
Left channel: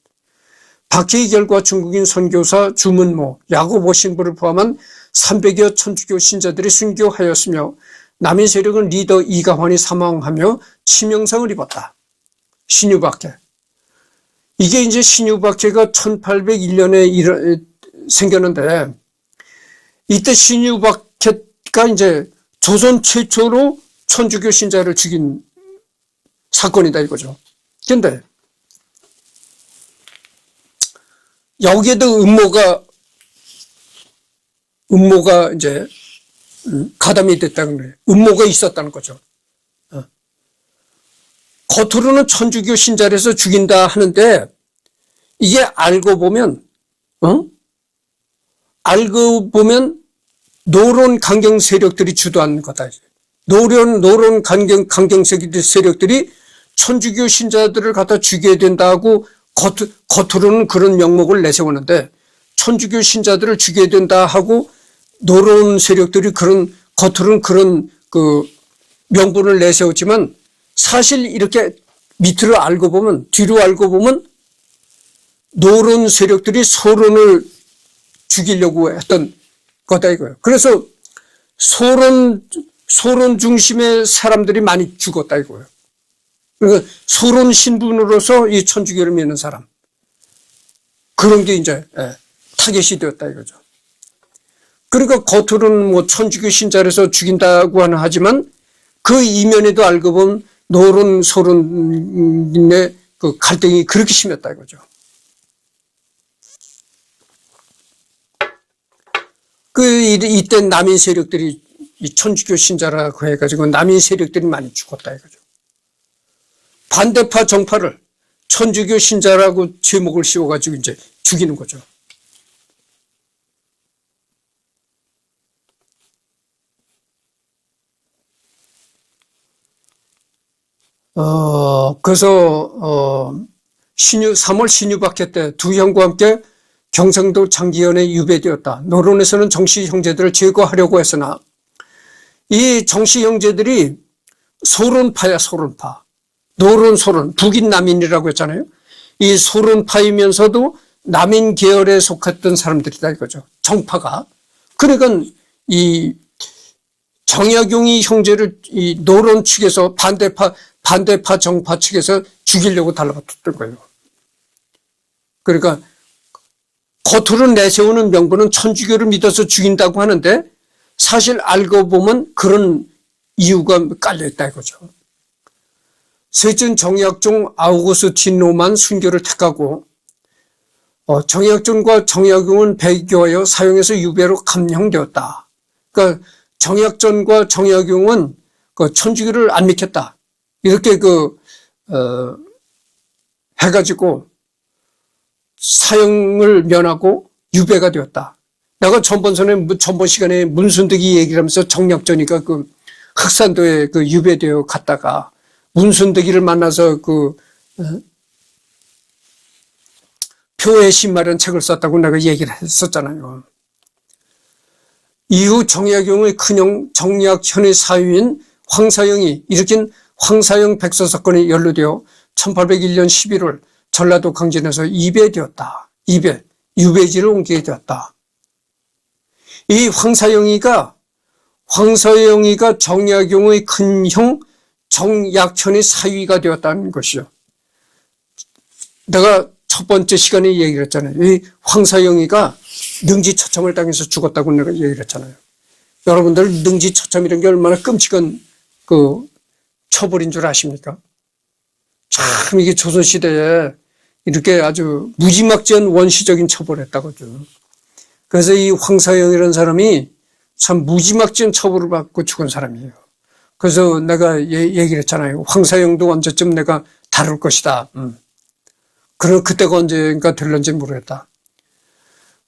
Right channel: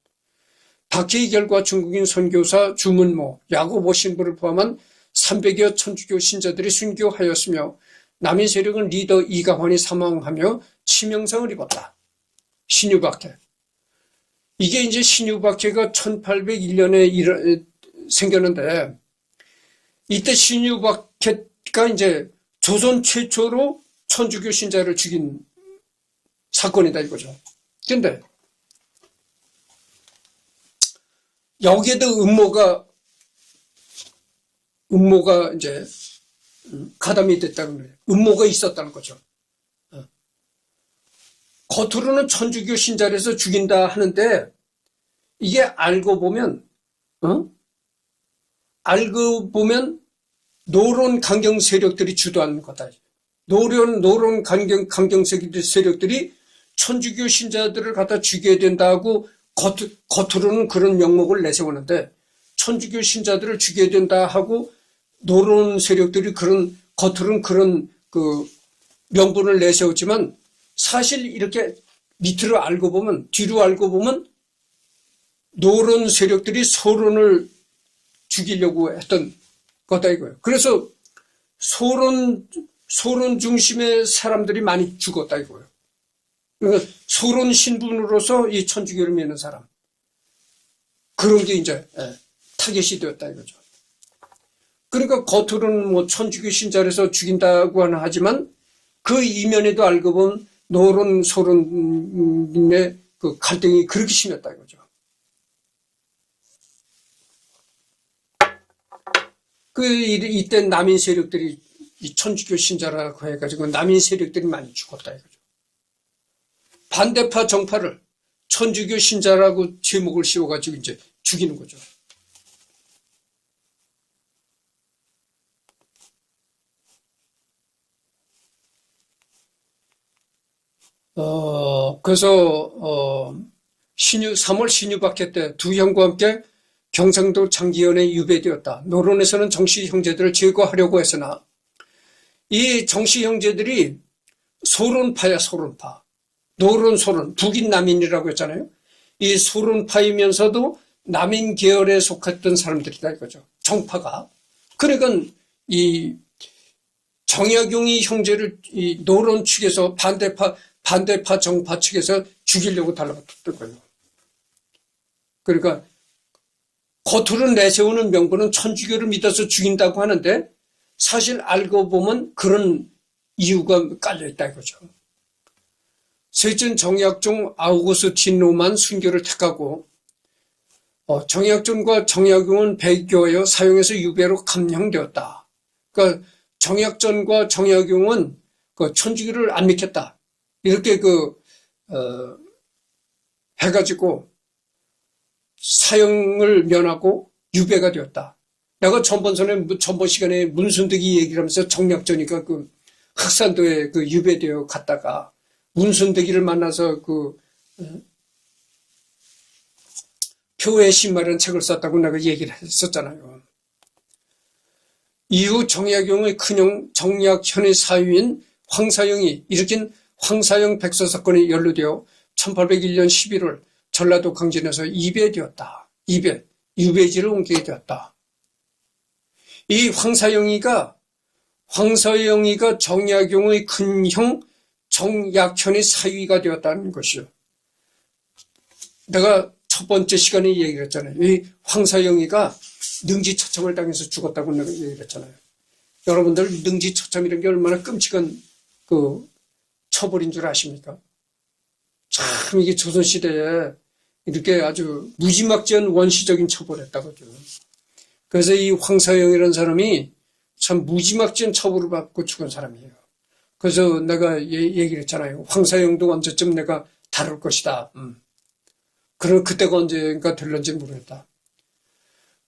박해의 결과 중국인 선교사 주문모, 야고보 신부를 포함한 300여 천주교 신자들이 순교하였으며 남인 세력은 리더 이가환이 사망하며 치명상을 입었다. 신유박해. 이게 이제 신유박해가 1801년에 생겼는데 이때 신유박해가 이제 조선 최초로 천주교 신자를 죽인 사건이다 이거죠. 근데 여기에도 음모가 이제 가담이 됐다는 거예요. 음모가 있었다는 거죠. 겉으로는 천주교 신자라서 죽인다 하는데 이게 알고 보면 노론 강경 세력들이 주도하는 거다. 노론 강경 세력들이 천주교 신자들을 갖다 죽여야 된다고 겉으로는 그런 명목을 내세우는데 천주교 신자들을 죽여야 된다 하고 노론 세력들이 겉으로는 그런 그 명분을 내세웠지만 사실 이렇게 뒤로 알고 보면 노론 세력들이 소론을 죽이려고 했던 거다 이거예요. 그래서 소론 중심의 사람들이 많이 죽었다 이거예요. 그러니까 소론 신분으로서 이 천주교를 믿는 사람. 그런 게 이제 타겟이 되었다 이거죠. 그러니까 겉으로는 뭐 천주교 신자라서 죽인다고 하지만 그 이면에도 알고 보면 노론 소론의 그 갈등이 그렇게 심했다 이거죠. 이때 남인 세력들이 이 천주교 신자라고 해가지고 남인 세력들이 많이 죽었다 이거죠. 반대파 정파를 천주교 신자라고 제목을 씌워가지고 이제 죽이는 거죠. 그래서 3월 신유박해 때 두 형과 함께 경상도 장기현에 유배되었다. 노론에서는 정씨 형제들을 제거하려고 했으나 이 정씨 형제들이 소론파야 소론파. 노론 소론 북인 남인이라고 했잖아요. 이 소론파이면서도 남인 계열에 속했던 사람들이다 이거죠. 정파가. 그러니까 이 정약용이 형제를 이 노론 측에서 반대파 정파 측에서 죽이려고 달라붙었던 거예요. 그러니까 겉으로 내세우는 명분은 천주교를 믿어서 죽인다고 하는데 사실 알고 보면 그런 이유가 깔려있다 이거죠. 셋째는 정약종 아우구스티노만 순교를 택하고 정약종과 정약용은 배교하여 사형에서 유배로 감형되었다. 그러니까 정약전과 정약용은 그 천주교를 안 믿겠다. 이렇게 해가지고 사형을 면하고 유배가 되었다. 내가 전번 시간에 문순득이 얘기를 하면서 정약전이가 그 흑산도에 그 유배되어 갔다가 문순득이를 만나서 표의 신말이라는 책을 썼다고 내가 얘기를 했었잖아요. 이후 정약용의 큰형 정약현의 사위인 황사영이 일으킨 황사영 백서 사건에 연루되어 1801년 11월 전라도 강진에서 이배되었다. 유배지를 옮기게 되었다. 이 황사영이가 황서영이가 정약용의 큰형 정약현의 사위가 되었다는 것이요. 내가 첫 번째 시간에 얘기를 했잖아요. 이 황서영이가 능지처참을 당해서 죽었다고 내가 얘기를 했잖아요. 여러분들 능지처참이라는 게 얼마나 끔찍한 그 처벌인 줄 아십니까? 참 이게 조선시대에 이렇게 아주 무지막지한 원시적인 처벌을 했다고죠. 그래서 이 황서영이라는 사람이 참 무지막지한 처벌을 받고 죽은 사람이에요. 그래서 내가 얘기를 했잖아요. 황서영도 언제쯤 내가 다룰 것이다. 그럼 그때가 언제인가 될런지 모르겠다.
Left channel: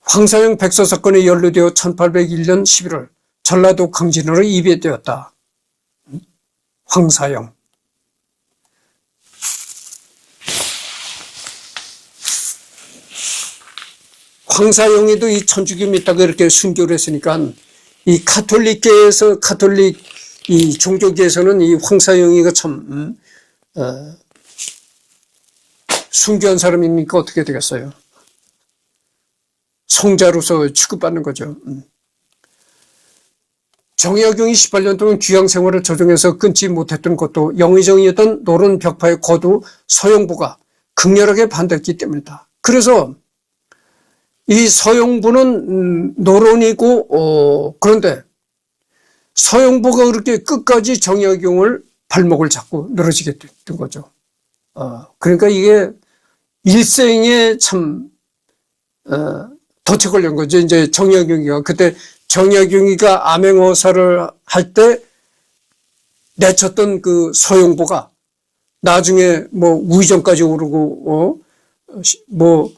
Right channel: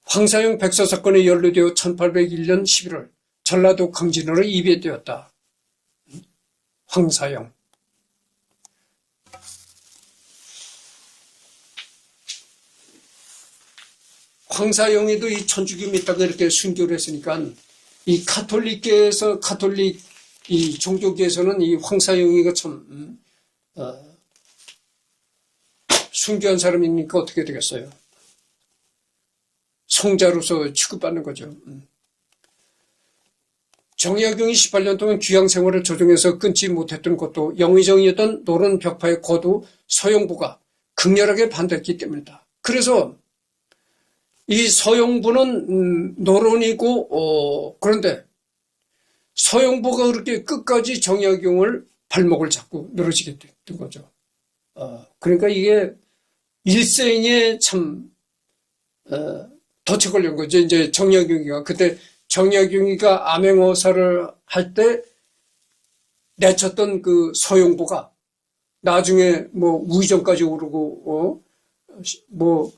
황서영 백서 사건에 연루되어 1801년 11월 전라도 강진으로 이배되었다. 황서영. 황서영이도 이 천주교 믿다가 이렇게 순교를 했으니까 이 가톨릭계에서 가톨릭 이 종교계에서는 이 황서영이가 참 순교한 사람입니까? 어떻게 되겠어요? 성자로서 취급받는 거죠. 정약용이 18년 동안 귀양 생활을 조정해서 끊지 못했던 것도 영의정이었던 노론 벽파의 거두 서영부가 극렬하게 반대했기 때문이다. 그래서 이 서영부는 노론이고 그런데 서영부가 그렇게 끝까지 정약용을 발목을 잡고 늘어지게 된 거죠. 그러니까 이게 일생에 참 덫에 걸린 거죠. 이제 정약용이가 그때 정약용이가 암행어사를 할 때 내쳤던 그 서영부가 나중에 뭐 우의정까지 오르고 뭐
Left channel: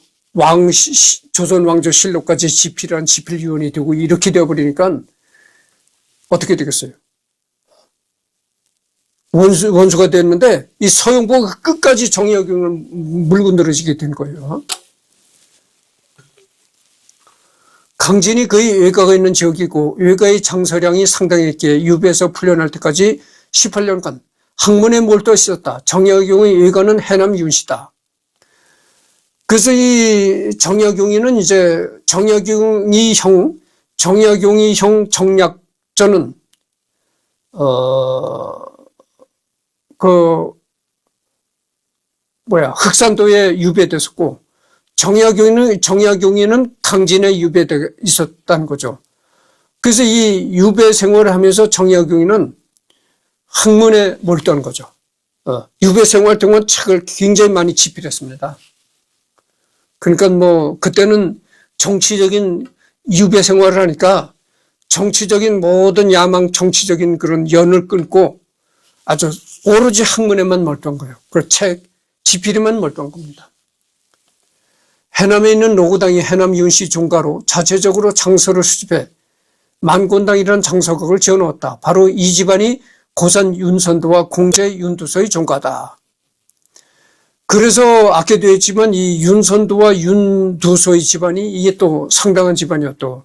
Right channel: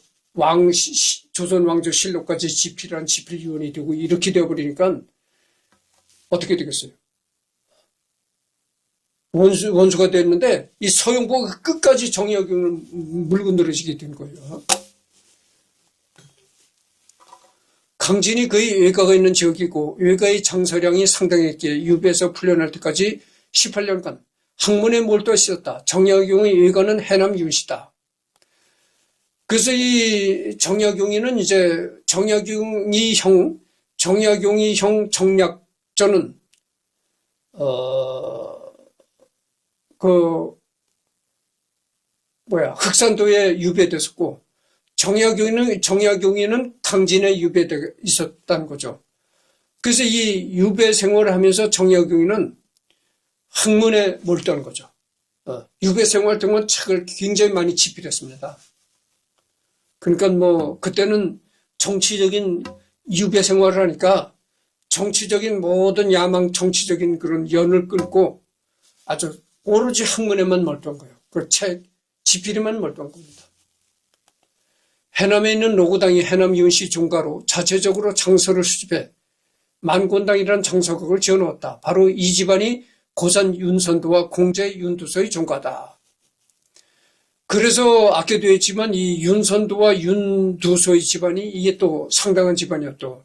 조선 왕조 실록까지 지필한 지필위원이 되고 이렇게 되어버리니까 어떻게 되겠어요? 원수가 됐는데 이 서영부가 끝까지 정약용을 물고 늘어지게 된 거예요. 강진이 거의 외가가 있는 지역이고 외가의 장서량이 상당했기에 유배에서 풀려날 때까지 18년간 학문에 몰두해 있었다. 정약용의 외가는 해남 윤씨다. 그래서 이 정약용이는 이제 정약용이 형 정약전은 흑산도에 유배됐었고 정약용이는 강진에 유배돼 있었다는 거죠. 그래서 이 유배 생활을 하면서 정약용이는 학문에 몰두한 거죠. 유배 생활 동안 책을 굉장히 많이 집필했습니다. 그러니까 뭐 그때는 정치적인 유배 생활을 하니까 정치적인 모든 야망 정치적인 그런 연을 끊고 아주 오로지 학문에만 몰두한 거예요. 그 책 집필에만 몰두한 겁니다. 해남에 있는 노고당이 해남 윤씨 종가로 자체적으로 장서를 수집해 만곤당이라는 장서각을 지어놓았다. 바로 이 집안이 고산 윤선도와 공제 윤두서의 종가다. 그래서 아까 되었지만 이 윤선도와 윤두서의 집안이 이게 또 상당한 집안이었죠.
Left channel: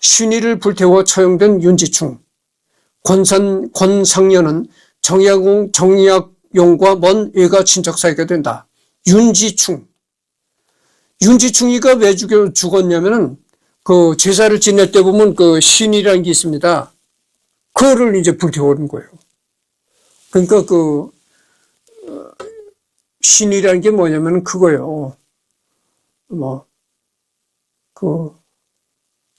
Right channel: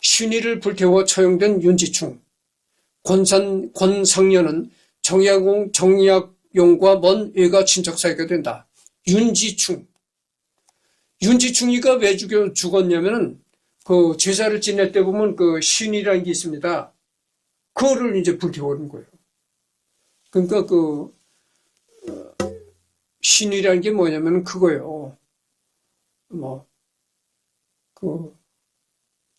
신의를 불태워 처형된 윤지충, 권상년은 정약용과 먼 외가 친척 사이가 된다. 윤지충이가 왜 죽었냐면은 그 제사를 지낼 때 보면 그 신이라는 게 있습니다. 그거를 이제 불태우는 거예요. 그러니까 그 신이라는 게 뭐냐면은 그거예요.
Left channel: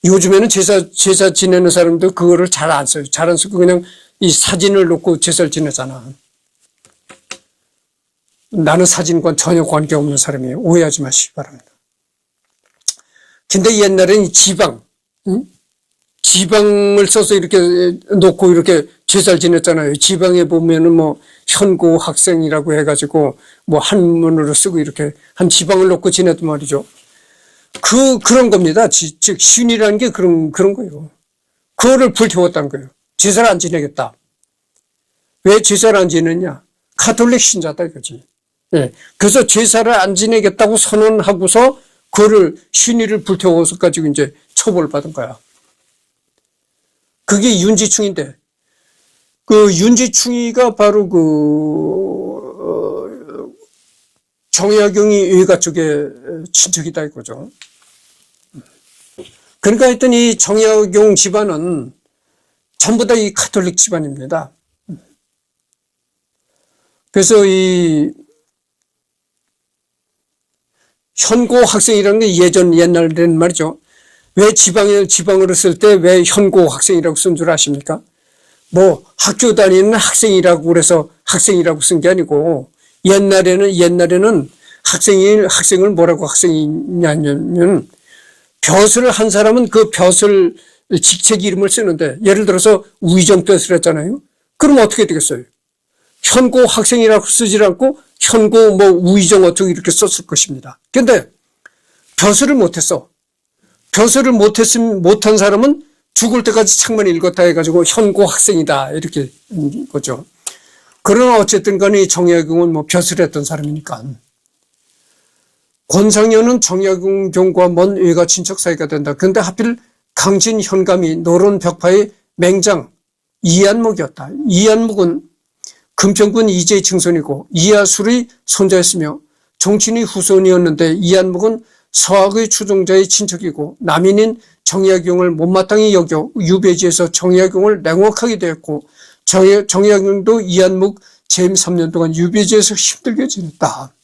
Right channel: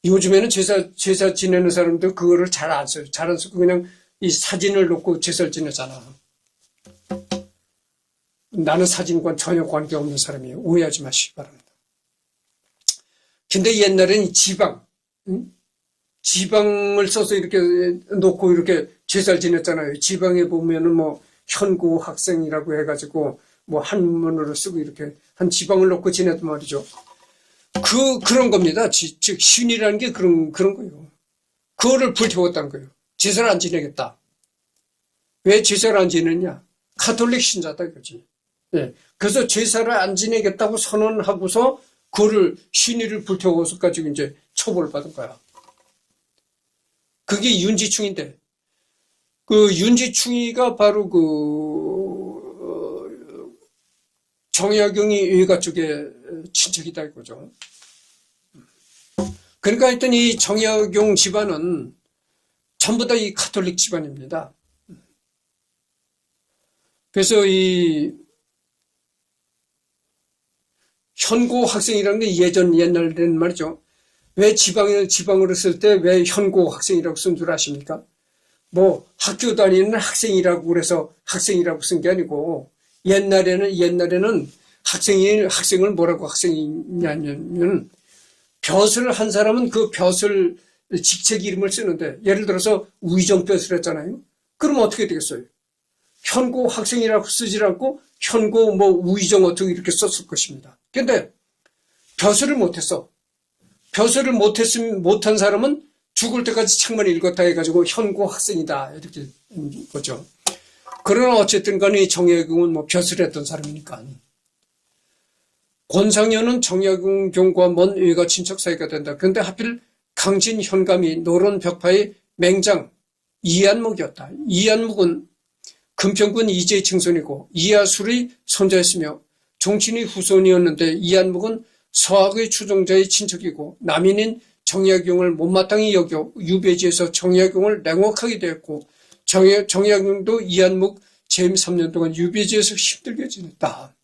요즘에는 제사 지내는 사람들 그거를 잘 안 써요. 잘 안 쓰고 그냥 이 사진을 놓고 제사를 지내잖아. 나는 사진과 전혀 관계없는 사람이에요. 오해하지 마시기 바랍니다. 근데 옛날에는 지방을 써서 이렇게 놓고 이렇게 제사를 지냈잖아요. 지방에 보면은 뭐 현고 학생이라고 해가지고 뭐 한문으로 쓰고 이렇게 한 지방을 놓고 지냈단 말이죠. 그런 겁니다. 즉, 신이라는 게 그런 거예요. 그거를 불태웠다는 거예요. 제사를 안 지내겠다. 왜 제사를 안 지내냐? 가톨릭 신자다 이거지. 네. 그래서 제사를 안 지내겠다고 선언하고서 그거를 신의를 불태워서 가지고 이제 처벌을 받은 거야. 그게 윤지충인데, 그 윤지충이가 바로 정약용이 외가 쪽에 친척이다 이거죠. 그러니까 하여튼 이 정약용 집안은 전부 다 이 가톨릭 집안입니다. 그래서 이 현고 학생이라는 게 옛날에는 말이죠. 왜 지방으로 쓸 때 왜 현고 학생이라고 쓴 줄 아십니까? 뭐 학교 다니는 학생이라고 그래서 학생이라고 쓴 게 아니고 옛날에는 학생을 뭐라고 학생이냐면 벼슬을 한 사람은 그 벼슬 직책 이름을 쓰는데 예를 들어서 우의정뜻을 했잖아요. 그럼 어떻게 되겠어요? 현고 학생이라고 쓰지 않고 현고 뭐 우의정 어떻게 이렇게 썼을 것입니다. 근데 벼슬을 못했어. 벼슬을 못한 사람은 죽을 때까지 책만 읽었다 해가지고 현고 학생이다 이렇게 거죠. 그러나 어쨌든 간에 정약용은 뭐 벼슬을 했던 사람이니까. 권상현은 정약용과 먼 외가 친척 사이가 된다. 그런데 하필 강진 현감이 노론 벽파의 맹장 이한묵이었다. 이한묵은 금평군 이재의 증손이고 이하술의 손자였으며 종친의 후손이었는데 이한묵은 서학의 추종자의 친척이고 남인인 정약용을 못마땅히 여겨 유배지에서 정약용을 냉혹하게 되었고 정약용도 이한묵 재임 3년 동안 유배지에서 힘들게 지냈다.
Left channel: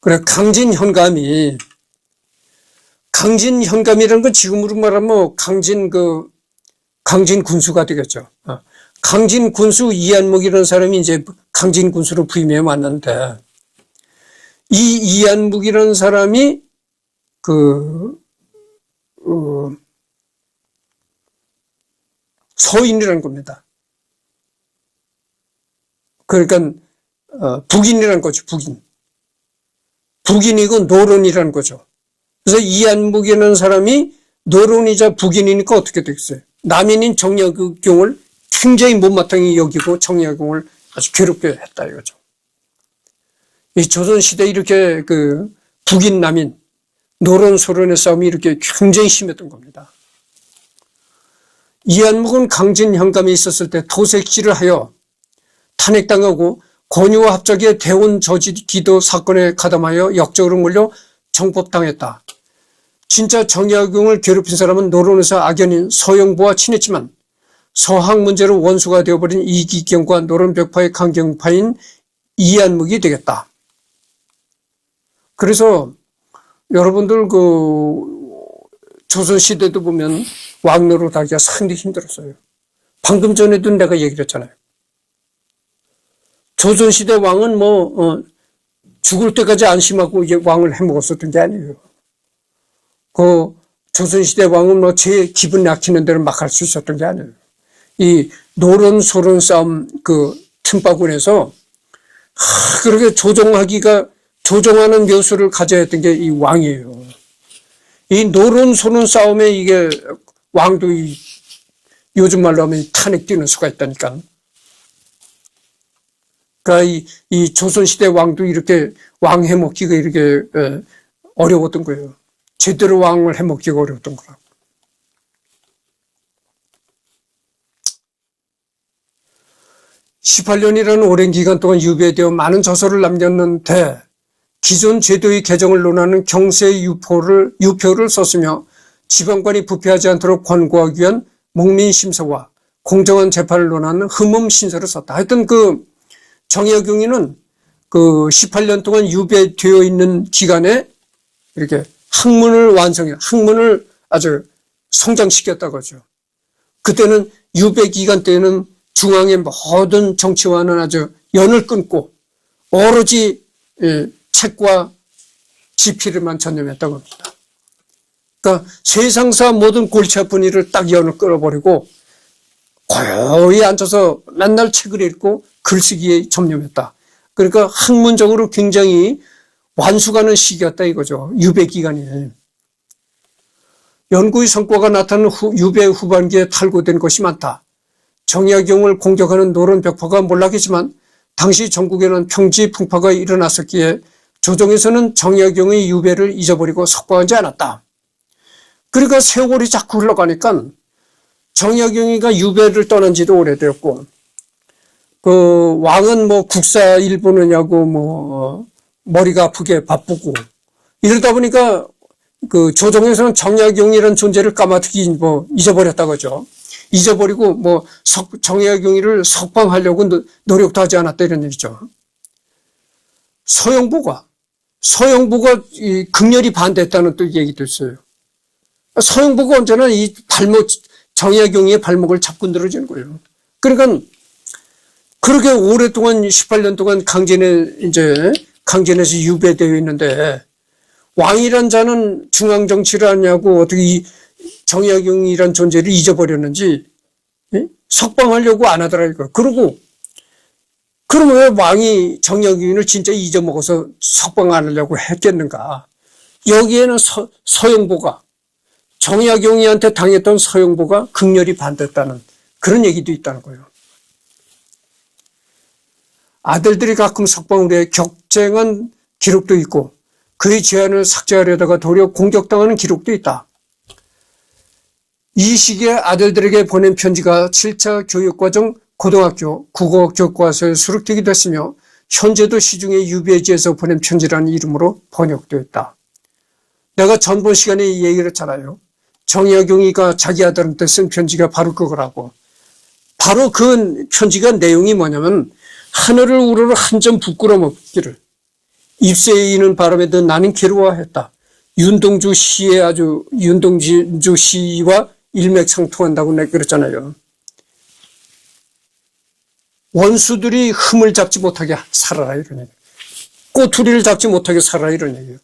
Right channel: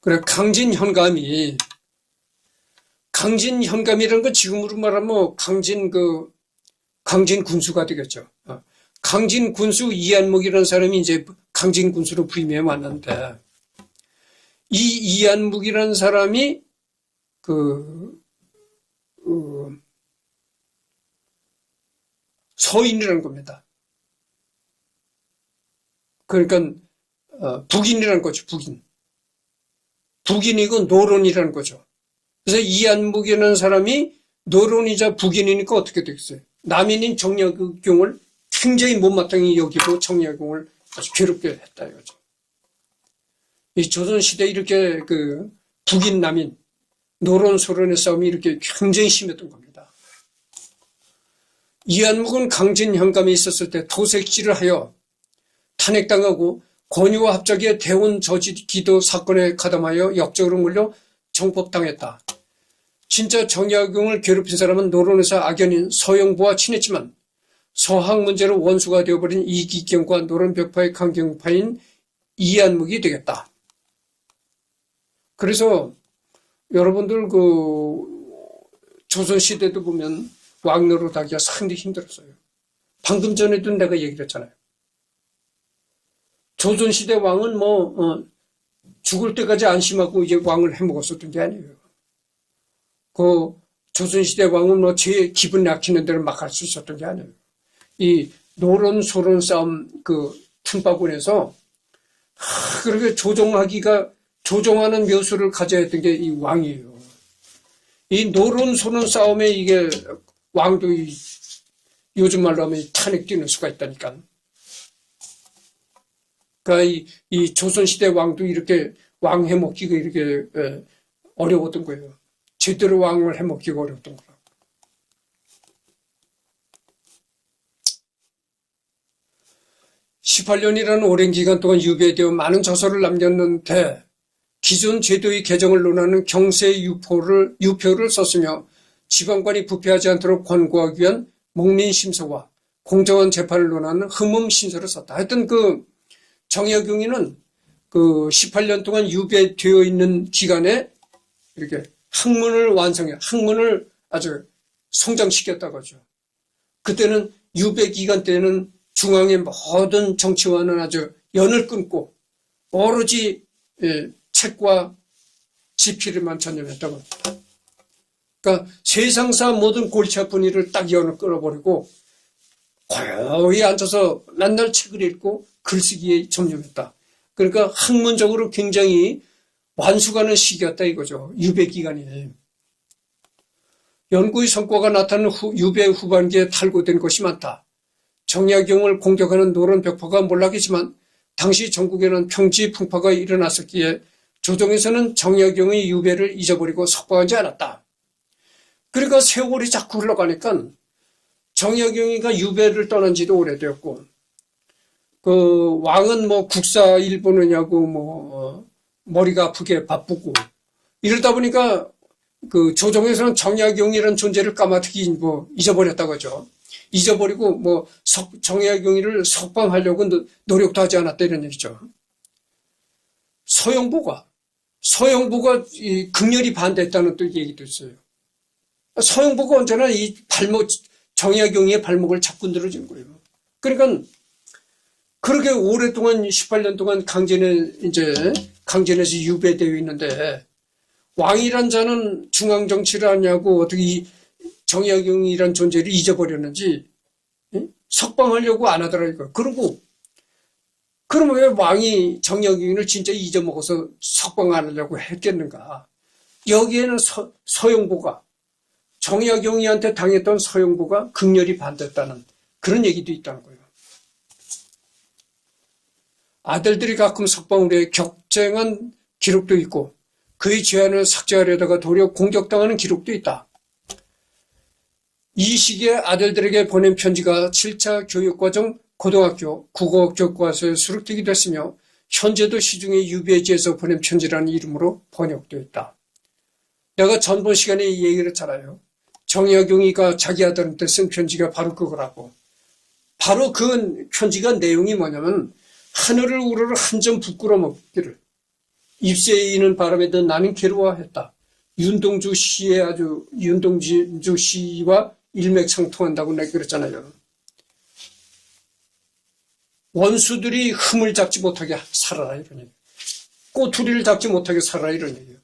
그래 강진현감이라는 건 지금으로 말하면 강진 군수가 되겠죠. 강진 군수 이한묵이라는 사람이 이제 강진 군수로 부임해 왔는데 이 이한묵이라는 사람이 서인이라는 겁니다. 그러니까 북인이라는 거죠. 북인이고 노론이라는 거죠. 그래서 이한묵이라는 사람이 노론이자 북인이니까 어떻게 되겠어요? 남인인 정약용을 굉장히 못마땅히 여기고 정약용을 아주 괴롭게 했다 이거죠. 이 조선시대에 이렇게 북인 남인 노론 소론의 싸움이 이렇게 굉장히 심했던 겁니다. 이한묵은 강진 현감이 있었을 때 도색질을 하여 탄핵당하고 권유와 합작의 대원 저지 기도 사건에 가담하여 역적으로 몰려 정법당했다. 진짜 정약용을 괴롭힌 사람은 노론에서 악연인 서영부와 친했지만 서학 문제로 원수가 되어버린 이기경과 노론벽파의 강경파인 이한묵이 되겠다. 그래서 여러분들 조선시대도 보면 왕 노릇하기가 상당히 힘들었어요. 방금 전에도 내가 얘기를 했잖아요. 조선시대 왕은 죽을 때까지 안심하고 이제 왕을 해먹었었던 게 아니에요. 조선시대 왕은 제 기분 약히는 대로 막 할 수 있었던 게 아니에요. 이 노론 소론 싸움 틈바구니에서 그렇게 조종하는 묘수를 가져야 했던 게 이 왕이에요. 이 노론 소론 싸움에 이게 왕도 요즘 말로 하면 탄핵 뛰는 수가 있다니까. 그러니까 이 조선시대 왕도 이렇게 왕 해먹기가 이렇게 어려웠던 거예요. 제대로 왕을 해먹기가 어려웠던 거라고. (18년이라는) 오랜 기간 동안 유배되어 많은 저서를 남겼는데 기존 제도의 개정을 논하는 경세 유표를 썼으며 지방관이 부패하지 않도록 권고하기 위한 목민심서와 공정한 재판을 논하는 흠음신서를 썼다. 하여튼 정약용이는 18년 동안 유배되어 있는 기간에 이렇게 학문을 아주 성장시켰다고 하죠. 그때는 유배 기간 때는 중앙의 모든 정치와는 아주 연을 끊고 오로지 책과 지필에만 전념했다고 합니다. 그러니까 세상사 모든 골치 아픈 일을 딱 연을 끊어버리고 고요히 앉아서 맨날 책을 읽고 글쓰기에 전념했다. 그러니까 학문적으로 굉장히 완수가는 시기였다 이거죠. 유배 기간이. 연구의 성과가 나타나는 유배 후반기에 탈고된 것이 많다. 정약용을 공격하는 노론 벽파가 몰락했지만 당시 전국에는 평지 풍파가 일어났었기에 조정에서는 정약용의 유배를 잊어버리고 석방하지 않았다. 그러니까 세월이 자꾸 흘러가니까 정약용이가 유배를 떠난 지도 오래되었고 왕은 국사 일 보느냐고 머리가 아프게 바쁘고 이러다 보니까 그 조정에서는 정약용이라는 존재를 까마득히 뭐 잊어버렸다고 하죠. 잊어버리고 뭐 정약용이를 석방하려고 노력도 하지 않았다 이런 얘기죠. 서영부가 극렬히 반대했다는 또 얘기도 있어요. 서영부가 언제나 이 정약용의 발목을 잡고 늘어지는 거예요. 그러니까 그렇게 오랫동안 18년 동안 강진에서 유배되어 있는데 왕이란 자는 중앙 정치를 하냐고 어떻게 이 정약용이란 존재를 잊어버렸는지 석방하려고 안 하더라고요. 그러면 왜 왕이 정약용을 진짜 잊어먹어서 석방 안 하려고 했겠는가? 여기에는 서영보가 정약용이한테 당했던 서영보가 극렬히 반대했다는 그런 얘기도 있다는 거예요. 아들들이 가끔 석방을 해 격쟁한 기록도 있고 그의 제안을 삭제하려다가 도리어 공격당하는 기록도 있다. 이 시기에 아들들에게 보낸 편지가 7차 교육과정 고등학교 국어 교과서에 수록되기도 했으며 현재도 시중에 유배지에서 보낸 편지라는 이름으로 번역되었다. 내가 전번 시간에 얘기를 했잖아요. 정약용이가 자기 아들한테 쓴 편지가 바로 그거라고. 바로 그 편지가 내용이 뭐냐면 하늘을 우러러 한 점 부끄럼 없기를 입새에 이는 바람에도 나는 괴로워했다. 윤동주 시와 일맥상통한다고 내가 그랬잖아요. 원수들이 흠을 잡지 못하게 살아라 이런 얘기예요. 꼬투리를 잡지 못하게 살아라 이런 얘기예요.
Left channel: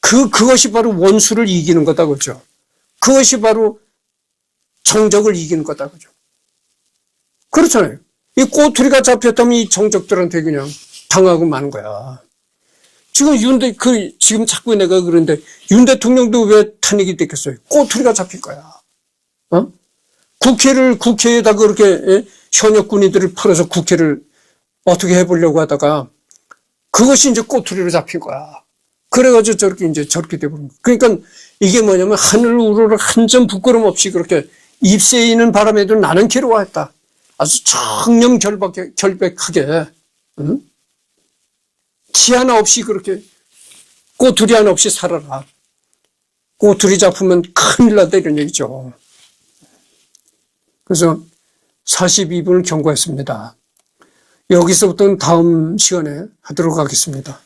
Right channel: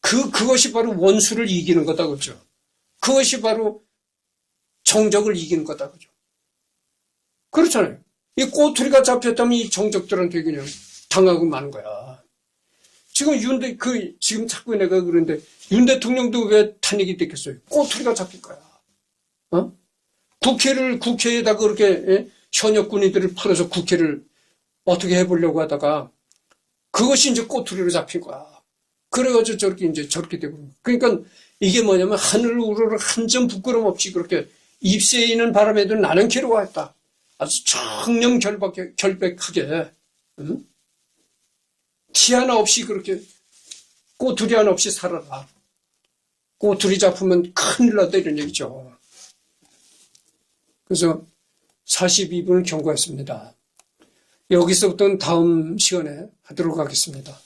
그것이 바로 원수를 이기는 거다 그죠. 그것이 바로 정적을 이기는 거다 그죠. 그렇잖아요. 이 꼬투리가 잡혔다면 이 정적들한테 그냥 당하고 마는 거야. 지금 지금 자꾸 내가 그런데 윤 대통령도 왜 탄핵이 됐겠어요? 꼬투리가 잡힌 거야. 국회에다 그렇게 현역군인들을 풀어서 국회를 어떻게 해보려고 하다가 그것이 이제 꼬투리로 잡힌 거야. 그래가지고 저렇게 돼버린 거야. 그러니까 이게 뭐냐면 하늘 우러러 한 점 부끄럼 없이 그렇게 입새에 있는 바람에도 나는 괴로워했다. 아주 청렴결백하게 티 하나 없이 그렇게 꼬투리 하나 없이 살아라. 꼬투리 잡으면 큰일 나다 이런 얘기죠. 그래서 42분을 경고했습니다. 여기서부터는 다음 시간에 하도록 하겠습니다.